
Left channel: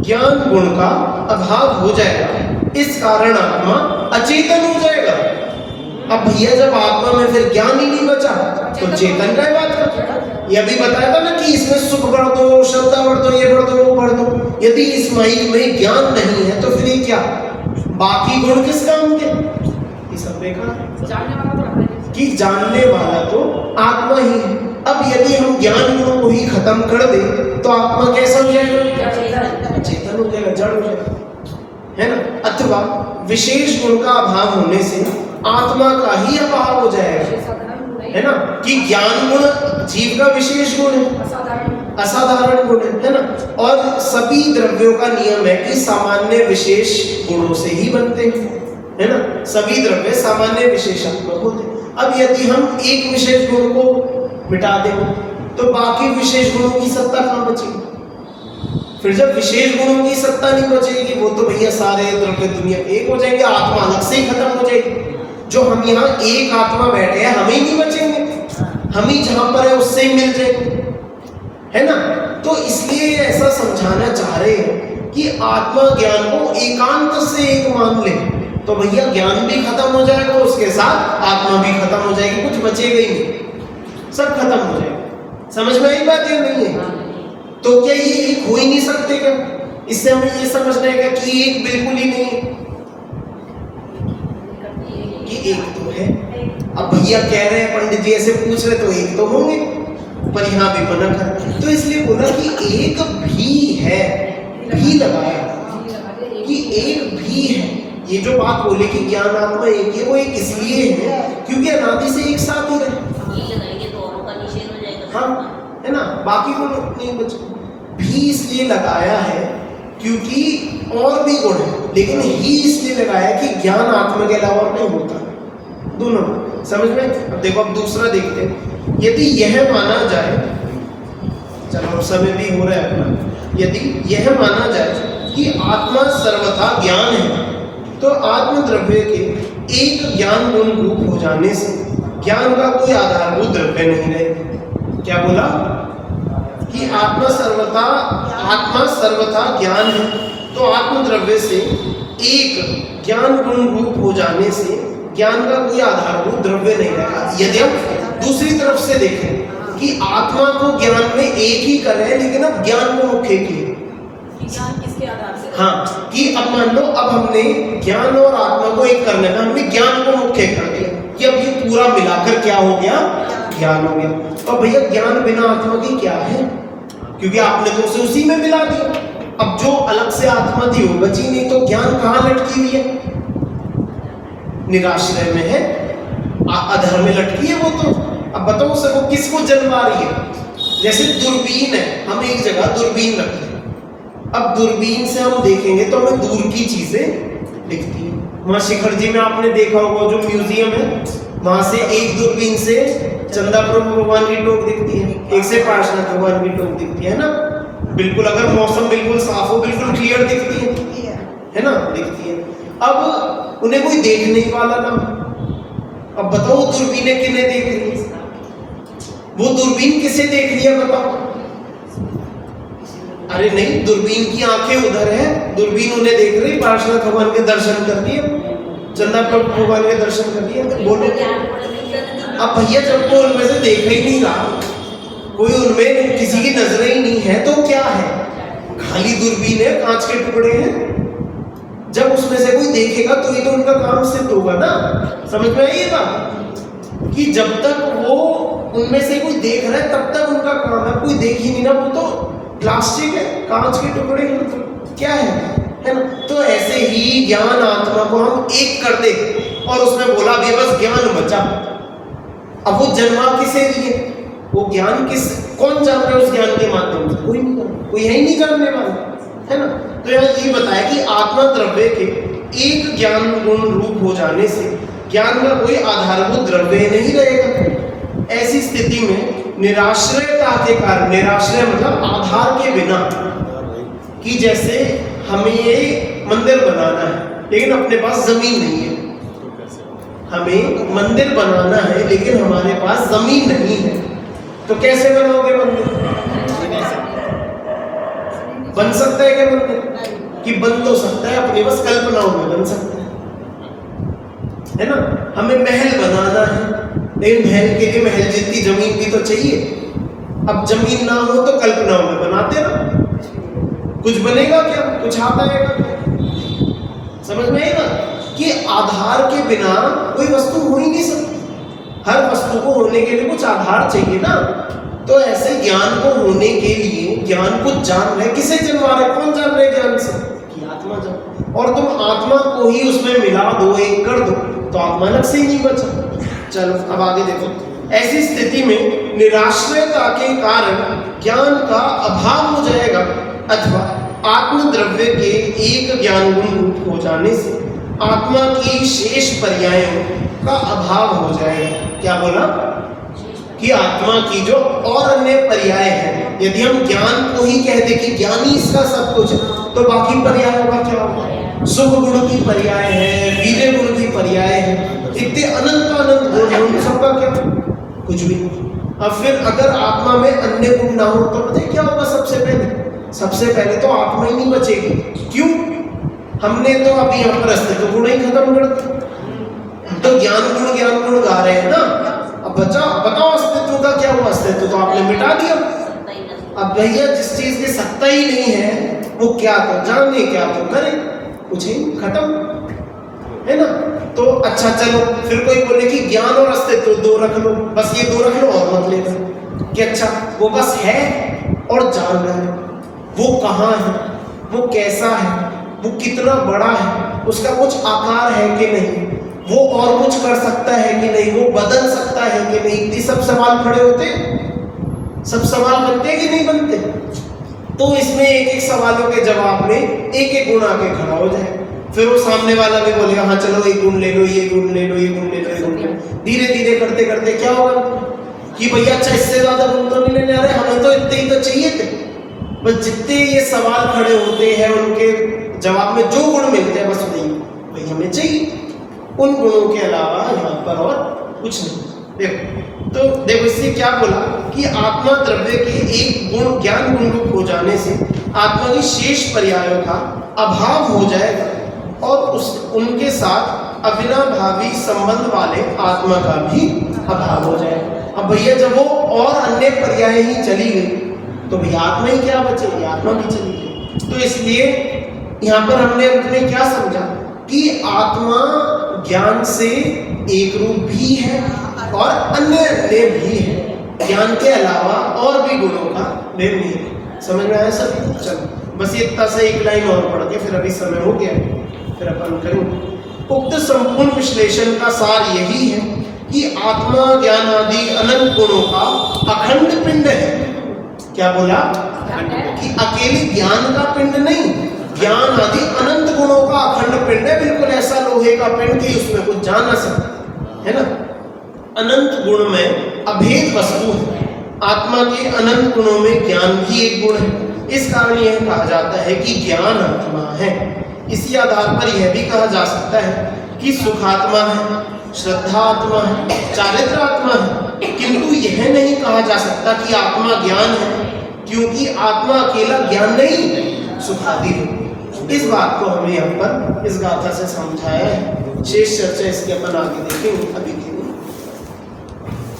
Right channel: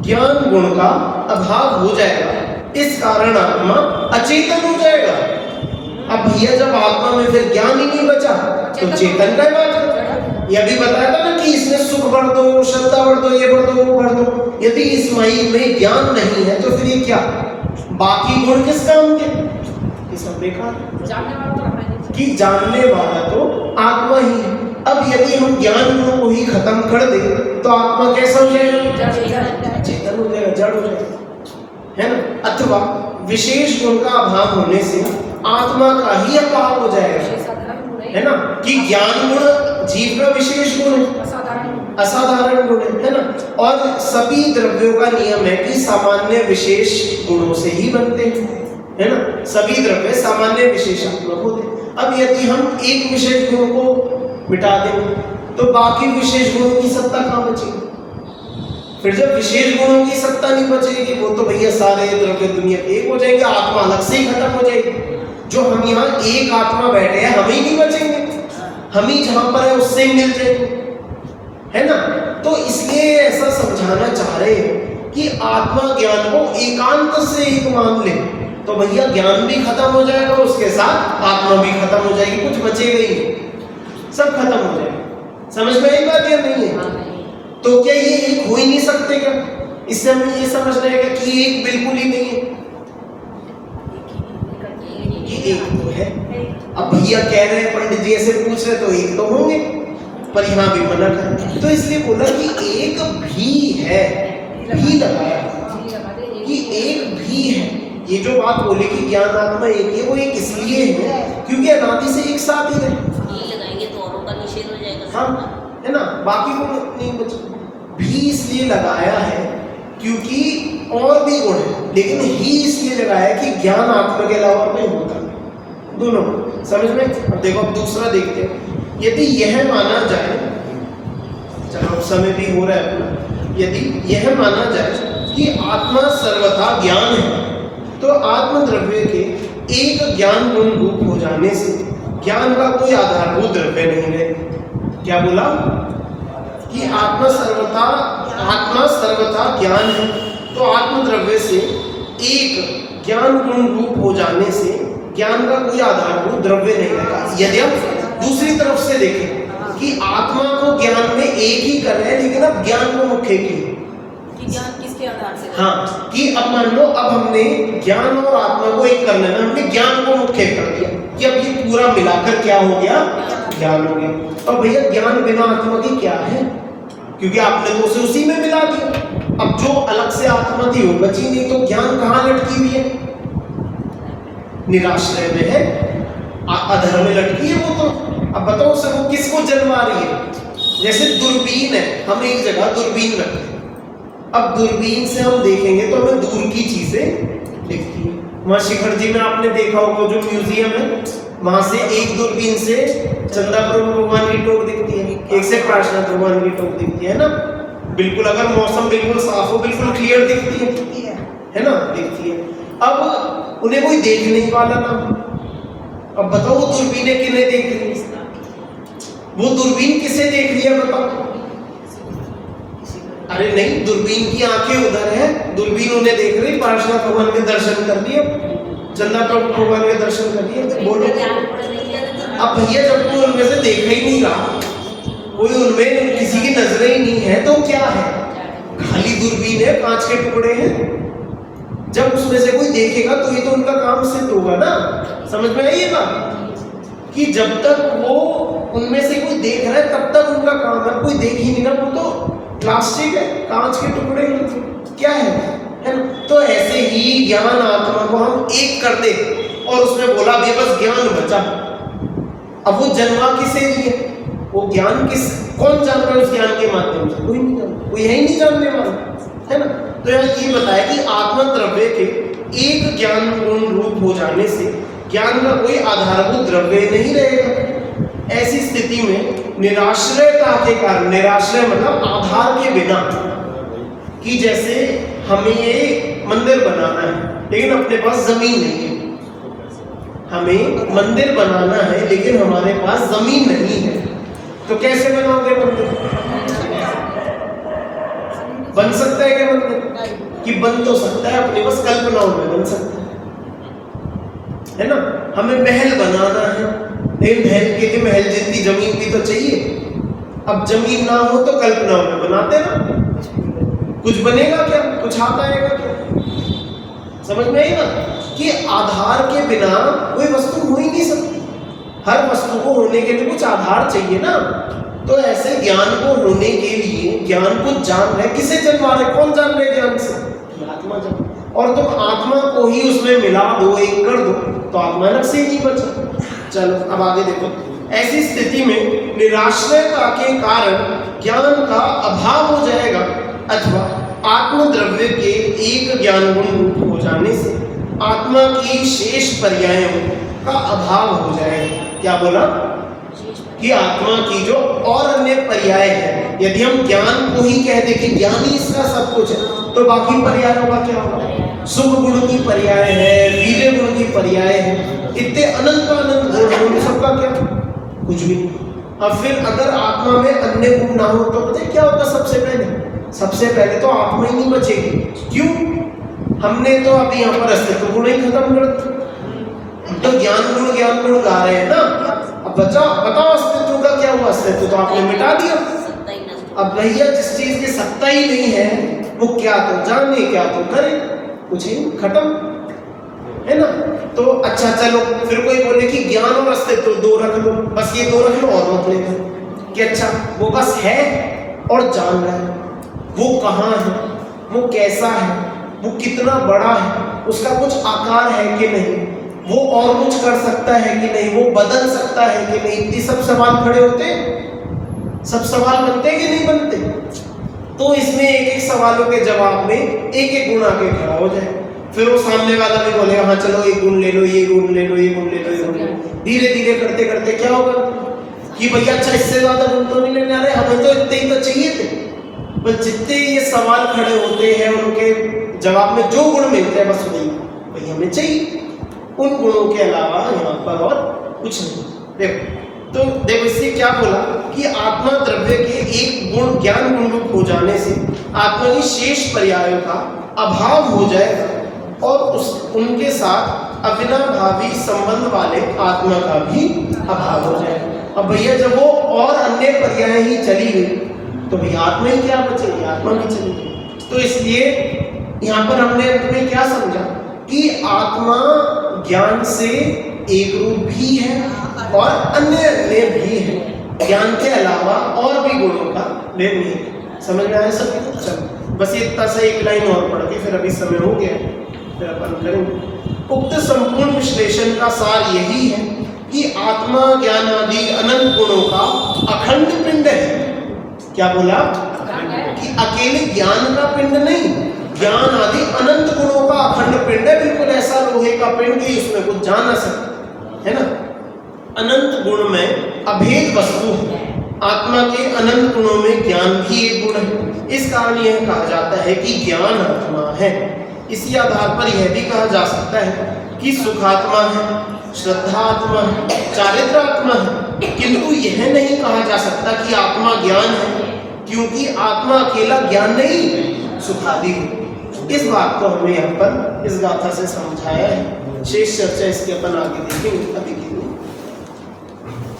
ज्ञान गुण का अभाव हो जाएगा, इस कारण आत्मा अचेतन हो जाएगा। अब भैया जब आत्मा में फिर ज्ञान ही नहीं बचा तो चेतन का बात कर, ये अभी बताया था ना कि इसमें सुख बढ़ दो, श्रद्धा बढ़ दो, ये बढ़ दो, वो बढ़ दो। यदि इस माइक में ज्ञान नहीं है तो फिर ये क्या, बाकी गुण किस काम के, ये सब बेकार। जानने वाला तो रखना ही कि जानने वाला तो आत्मा ही है। अब यदि हम ज्ञान गुणों को ही खत्म कर दें तो आत्मा कैसा हो जाएगा? चेतन हो जाएगा, जड़ हो जाएगा, है ना। अथवा विशेष गुण का अभाव होने से आत्मा का ही अभाव हो जाएगा, है ना। कि ज्ञान गुण जीव का विशेष गुण है, असाधारण गुण है ना। और सभी द्रव्यों का नियम है कि सामान्य विशेष गुणों से ही बनते हैं, है ना। सभी द्रव्य सामान्य विशेषात्मक होते हैं। अब यदि हम एक विशेष गुण को मिटा दें तो बाकी विशेष गुणों की सत्ता कहाँ बचेगी? फिर जब विशेष गुणों की सत्ता नहीं बचेगी, वो तो भैया सारे द्रव्य दुनिया एक हो जाएंगे, आत्मा अलग से ही खत्म हो जाएगी। जो हम यहाँ एक आत्मा बैठे हैं, हम ही नहीं बचेंगे, हम ही जहां पर है उससे ही मिल जाएंगे, है ना। तो इसलिए ऐसा समझाना चाह रहे हैं कि आत्मा ज्ञान को एकांत से एक मान ले तो भैया ज्ञान भी खत्म हो जाएगा, उसके साथ आत्मा भी खत्म हो जाएगी, कुछ बचेगा ही नहीं, सब खत्म हो जाएगा। समझ में आई बात या नहीं है? तो क्या ये एक हो ही नहीं सकते क्या? इससे हमें ये समझना है कि एक बिल्कुल ही नहीं है, कि एक तो है। अब भैया कह रहे हैं, पंडित जी ऐसे पूछ रहे तो एक तो होंगे, पर यहाँ भी मना कर, तो इसलिए बोला कि एक भी है, भी लगाया कि एक भी है। ये जो बात बोले कि ज्ञान आत्मा एक है, वो एक इसलिए है क्योंकि अनादि से एक साथ ही रहे, हाँ, है ना। बाकी गुण नहीं बचे, भी इसलिए लगाया है क्योंकि और भी गुण है, लेकिन ही इसलिए लगाया है कि ज्ञान आत्मा के अलावा और नहीं होता, दोनों समझ में। अब देखो, अब दूसरा देखते हैं। यदि यह माना जाए, चलो समय भी हो रहा है अपना, यदि यह माना जाए कि आत्मा सर्वथा ज्ञान है तो आत्म द्रव्य के एक ज्ञान गुण रूप हो जाने से ज्ञान का कोई आधारभूत द्रव्य नहीं रहेगा। क्या बोला कि आत्मा सर्वथा ज्ञान है तो आत्म द्रव्य से एक ज्ञान गुण रूप हो जाने से ज्ञान का कोई आधारभूत द्रव्य नहीं रहेगा। यदि हम दूसरी तरफ से देखें कि आत्मा को ज्ञान में एक ही कर रहे हैं, लेकिन अब ज्ञान को मुख्य किए, ज्ञान किसके आधार से? हाँ, कि अब मान लो अब हमने ज्ञान और आत्मा को एक करने में हमने ज्ञान को मुख्य कर दिया कि अब ये पूरा मिलाकर क्या हो गया? ज्ञान हो गया। और भैया ज्ञान बिना आत्मा के क्या है? क्योंकि आपने तो उसे उसी में मिला दिया। अब जो अलग से आत्मा थी वो बची नहीं, तो ज्ञान कहाँ लटकी हुई है? निराश्रय में है, अधर में लटकी है वो तो। अब बताओ उसे वो किसको जन्मा रही है? जैसे दूरबीन है, हम एक जगह दूरबीन रखते हैं, अब दूरबीन से हम देखेंगे तो हमें दूर की चीजें दिखती है। वहाँ शिखर जी में आपने देखा होगा जो म्यूजियम है, वहां से एक दूरबीन से चंदापुर भगवान की टोक दिखती है, एक से पार्श्वनाथ भगवान की टोक दिखती है ना। बिल्कुल अगर मौसम बिल्कुल साफ हो, बिल्कुल क्लियर दिखती है ना, दिखती है। अब उन्हें कोई देखने वाला ना, अब बताओ वो दूरबीनें किन्हें देख रही है? वो दूरबीन किसे देख रही है बताओ? अरे नहीं, दूरबीन की आंखें उधर है, दूरबीन उन्हें देख रही, पार्श्वनाथ भगवान के दर्शन कर लिए, चंदापुर भगवान के दर्शन कर लिए, तो बोलो। अब भैया जब कोई उनमें से देख ही नहीं रहा, कोई उनमें किसी की नजरें ही नहीं है, तो क्या है? खाली दूरबीन है, कांच के टुकड़े हैं। जब उसमें से कोई देखेगा तो ये तो उनका काम सिद्ध होगा ना। समझ में आई ये बात? कि जब तक वो उनमें से कोई देख रहा है तब तक उनका काम है, कोई देख ही नहीं ना, वो तो प्लास्टिक है, कांच के टुकड़े हैं, क्या है ना। तो ऐसे ही ज्ञान आत्मा को हम एक कर दे और उसमें बोला भी बस ज्ञान बचा। अब वो जन्मा किसे लिए? वो ज्ञान कौन जान रहा है उस ज्ञान के माध्यम से? कोई नहीं जान, कोई है ही नहीं जानने वाला, है ना। तो यहाँ ये बताया कि आत्मा द्रव्य के एक ज्ञान गुण रूप हो जाने से ज्ञान का कोई आधारभूत द्रव्य नहीं रहेगा। ऐसी स्थिति में निराश्रयता के कारण, निराश्रय मतलब आधार के बिना, कि जैसे हमें ये मंदिर बनाना है लेकिन अपने पास जमीन नहीं है, हमें मंदिर बनाना है लेकिन हमारे पास जमीन नहीं है, तो कैसे बनाओगे मंदिर? बन सकता है क्या मंदिर? कि बन तो सकता है, अपने बस कल्पनाओं में बन सकता है ना। हमें महल बनाना है लेकिन महल के लिए महल जितनी जमीन भी तो चाहिए। अब जमीन ना हो तो कल्पनाओं में बनाते ना, कुछ बनेगा क्या? कुछ आता आएगा क्या? समझ में आएगा कि आधार के बिना कोई वस्तु हो ही नहीं सकती। हर वस्तु को होने के लिए कुछ आधार चाहिए ना। तो ऐसे ज्ञान को होने के लिए ज्ञान को जान रहे, किसे जानवा रहे, कौन जान रहे ज्ञान से? कि आत्मा जान। और तुम आत्मा को ही उसमें मिला दो, एक कर दो, तो आत्मा अलग से ही नहीं बचा। चलो अब आगे देखो। ऐसी स्थिति में निराश्रयता के कारण ज्ञान का अभाव हो जाएगा, अथवा आत्मद्रव्य के एक ज्ञान गुण रूप हो जाने से आत्मा की शेष पर्यायों का अभाव हो जाएगा। क्या बोला? कि आत्मा की जो और अन्य पर्याय है, यदि हम ज्ञान को ही कह दे कि ज्ञान ही इसका सब कुछ है, तो बाकी पर्यायों का क्या होगा? शुभ गुण की पर्याय है, वीर्य गुण की पर्याय है, इतने अनंत गुण हैं, उन सबका क्या? कुछ भी नहीं। अब फिर अगर आत्मा में अन्य गुण ना हो तो पता है क्या होगा? सबसे पहले तो आत्मा ही नहीं बचेगी। क्यों? हमने तो अभी यहाँ पर अस्तित्व गुण ही खत्म कर दिया, तो ज्ञान गुण गा रहे हैं ना। अब बताओ अस्तित्व का क्या हुआ? अस्तित्व तो आपने मिटा दिया। अब भैया जिस चीज की सत्ता ही नहीं है वो क्या तो जाने क्या तो करे, कुछ ही खत्म, है ना। तो अच्छा चलो, फिर कोई बोले कि ज्ञान और अस्तित्व दो रख लो, बस ये दो रख लो और मत लेकर कि अच्छा वो बस है और जान रहा है, वो कहाँ है, वो कैसा है, वो कितना बड़ा है, उसका कुछ आकार है कि नहीं, वो और कुछ कर सकता है कि नहीं, वो बदल सकता है कि नहीं, ये सब सवाल खड़े होते, सब सवाल बनते कि नहीं बनते। तो इसमें एक एक सवालों के जवाब में एक एक गुण आके खड़ा हो जाए, फिर वो सामने वाला भी बोलेगा हाँ चलो एक गुण ले लो, ये गुण ले लो, ये गुण ले लो, ये गुण ले लो। धीरे धीरे करते करते क्या होगा कि भैया अच्छा इससे ज्यादा गुण तो नहीं लेने आ रहे, हमें तो इतने ही तो चाहिए थे। बस जितने ये सवाल खड़े होते हैं उनके जवाब में जो गुण मिलते हैं बस वही वही हमें चाहिए, उन गुणों के अलावा यहाँ पर और कुछ नहीं। देखो इससे क्या बोला कि आत्मा द्रव्य के एक गुण ज्ञान गुण रूप हो जाने से आत्मा की शेष पर्यायों का अभाव हो जाएगा और उनके साथ अविनाभावी संबंध वाले आत्मा का भी अभाव हो जाएगा। अब भैया जब वो और अन्य पर्याय ही चली गई तो भैया आत्मा ही क्या बचेगी? आत्मा भी चली गई। तो इसलिए यहाँ पर हमने अंत में क्या समझा कि आत्मा ज्ञान से एक रूप भी है और अन्य भी है, ज्ञान के अलावा और भी गुणों का भेद नहीं है। समझ में आया सब? चलो बस ये इतना सा एक लाइन और पढ़ के फिर अभी समय हो गया, फिर अपन करेंगे। उक्त संपूर्ण विश्लेषण का सार यही है कि आत्मा ज्ञान आदि अनंत गुणों का अखंड पिंड है। क्या बोला? कि अकेले ज्ञान का पिंड नहीं, ज्ञान आदि अनंत गुणों का अखंड पिंड है, बिल्कुल ऐसा लोहे का पिंड कि उसमें कुछ जा ना सके, है ना। अनंत गुण में अभेद वस्तु है। आत्मा के अनंत गुणों में ज्ञान भी एक गुण है। इस कारण यह कहा जाता है कि ज्ञान आत्मा है। इसी आधार पर यह भी कहा जा सकता है कि सुखात्मा है, श्रद्धा आत्मा है, चारित्र आत्मा है, किंतु यह नहीं कहा जा सकता कि आत्मा ज्ञान है, क्योंकि आत्मा अकेला ज्ञान नहीं सुखादि है। इस बात को हमें यहाँ पर इस गाथा से समझाया है। शेष चर्चा इसके अपन आगे देखेंगे। अभी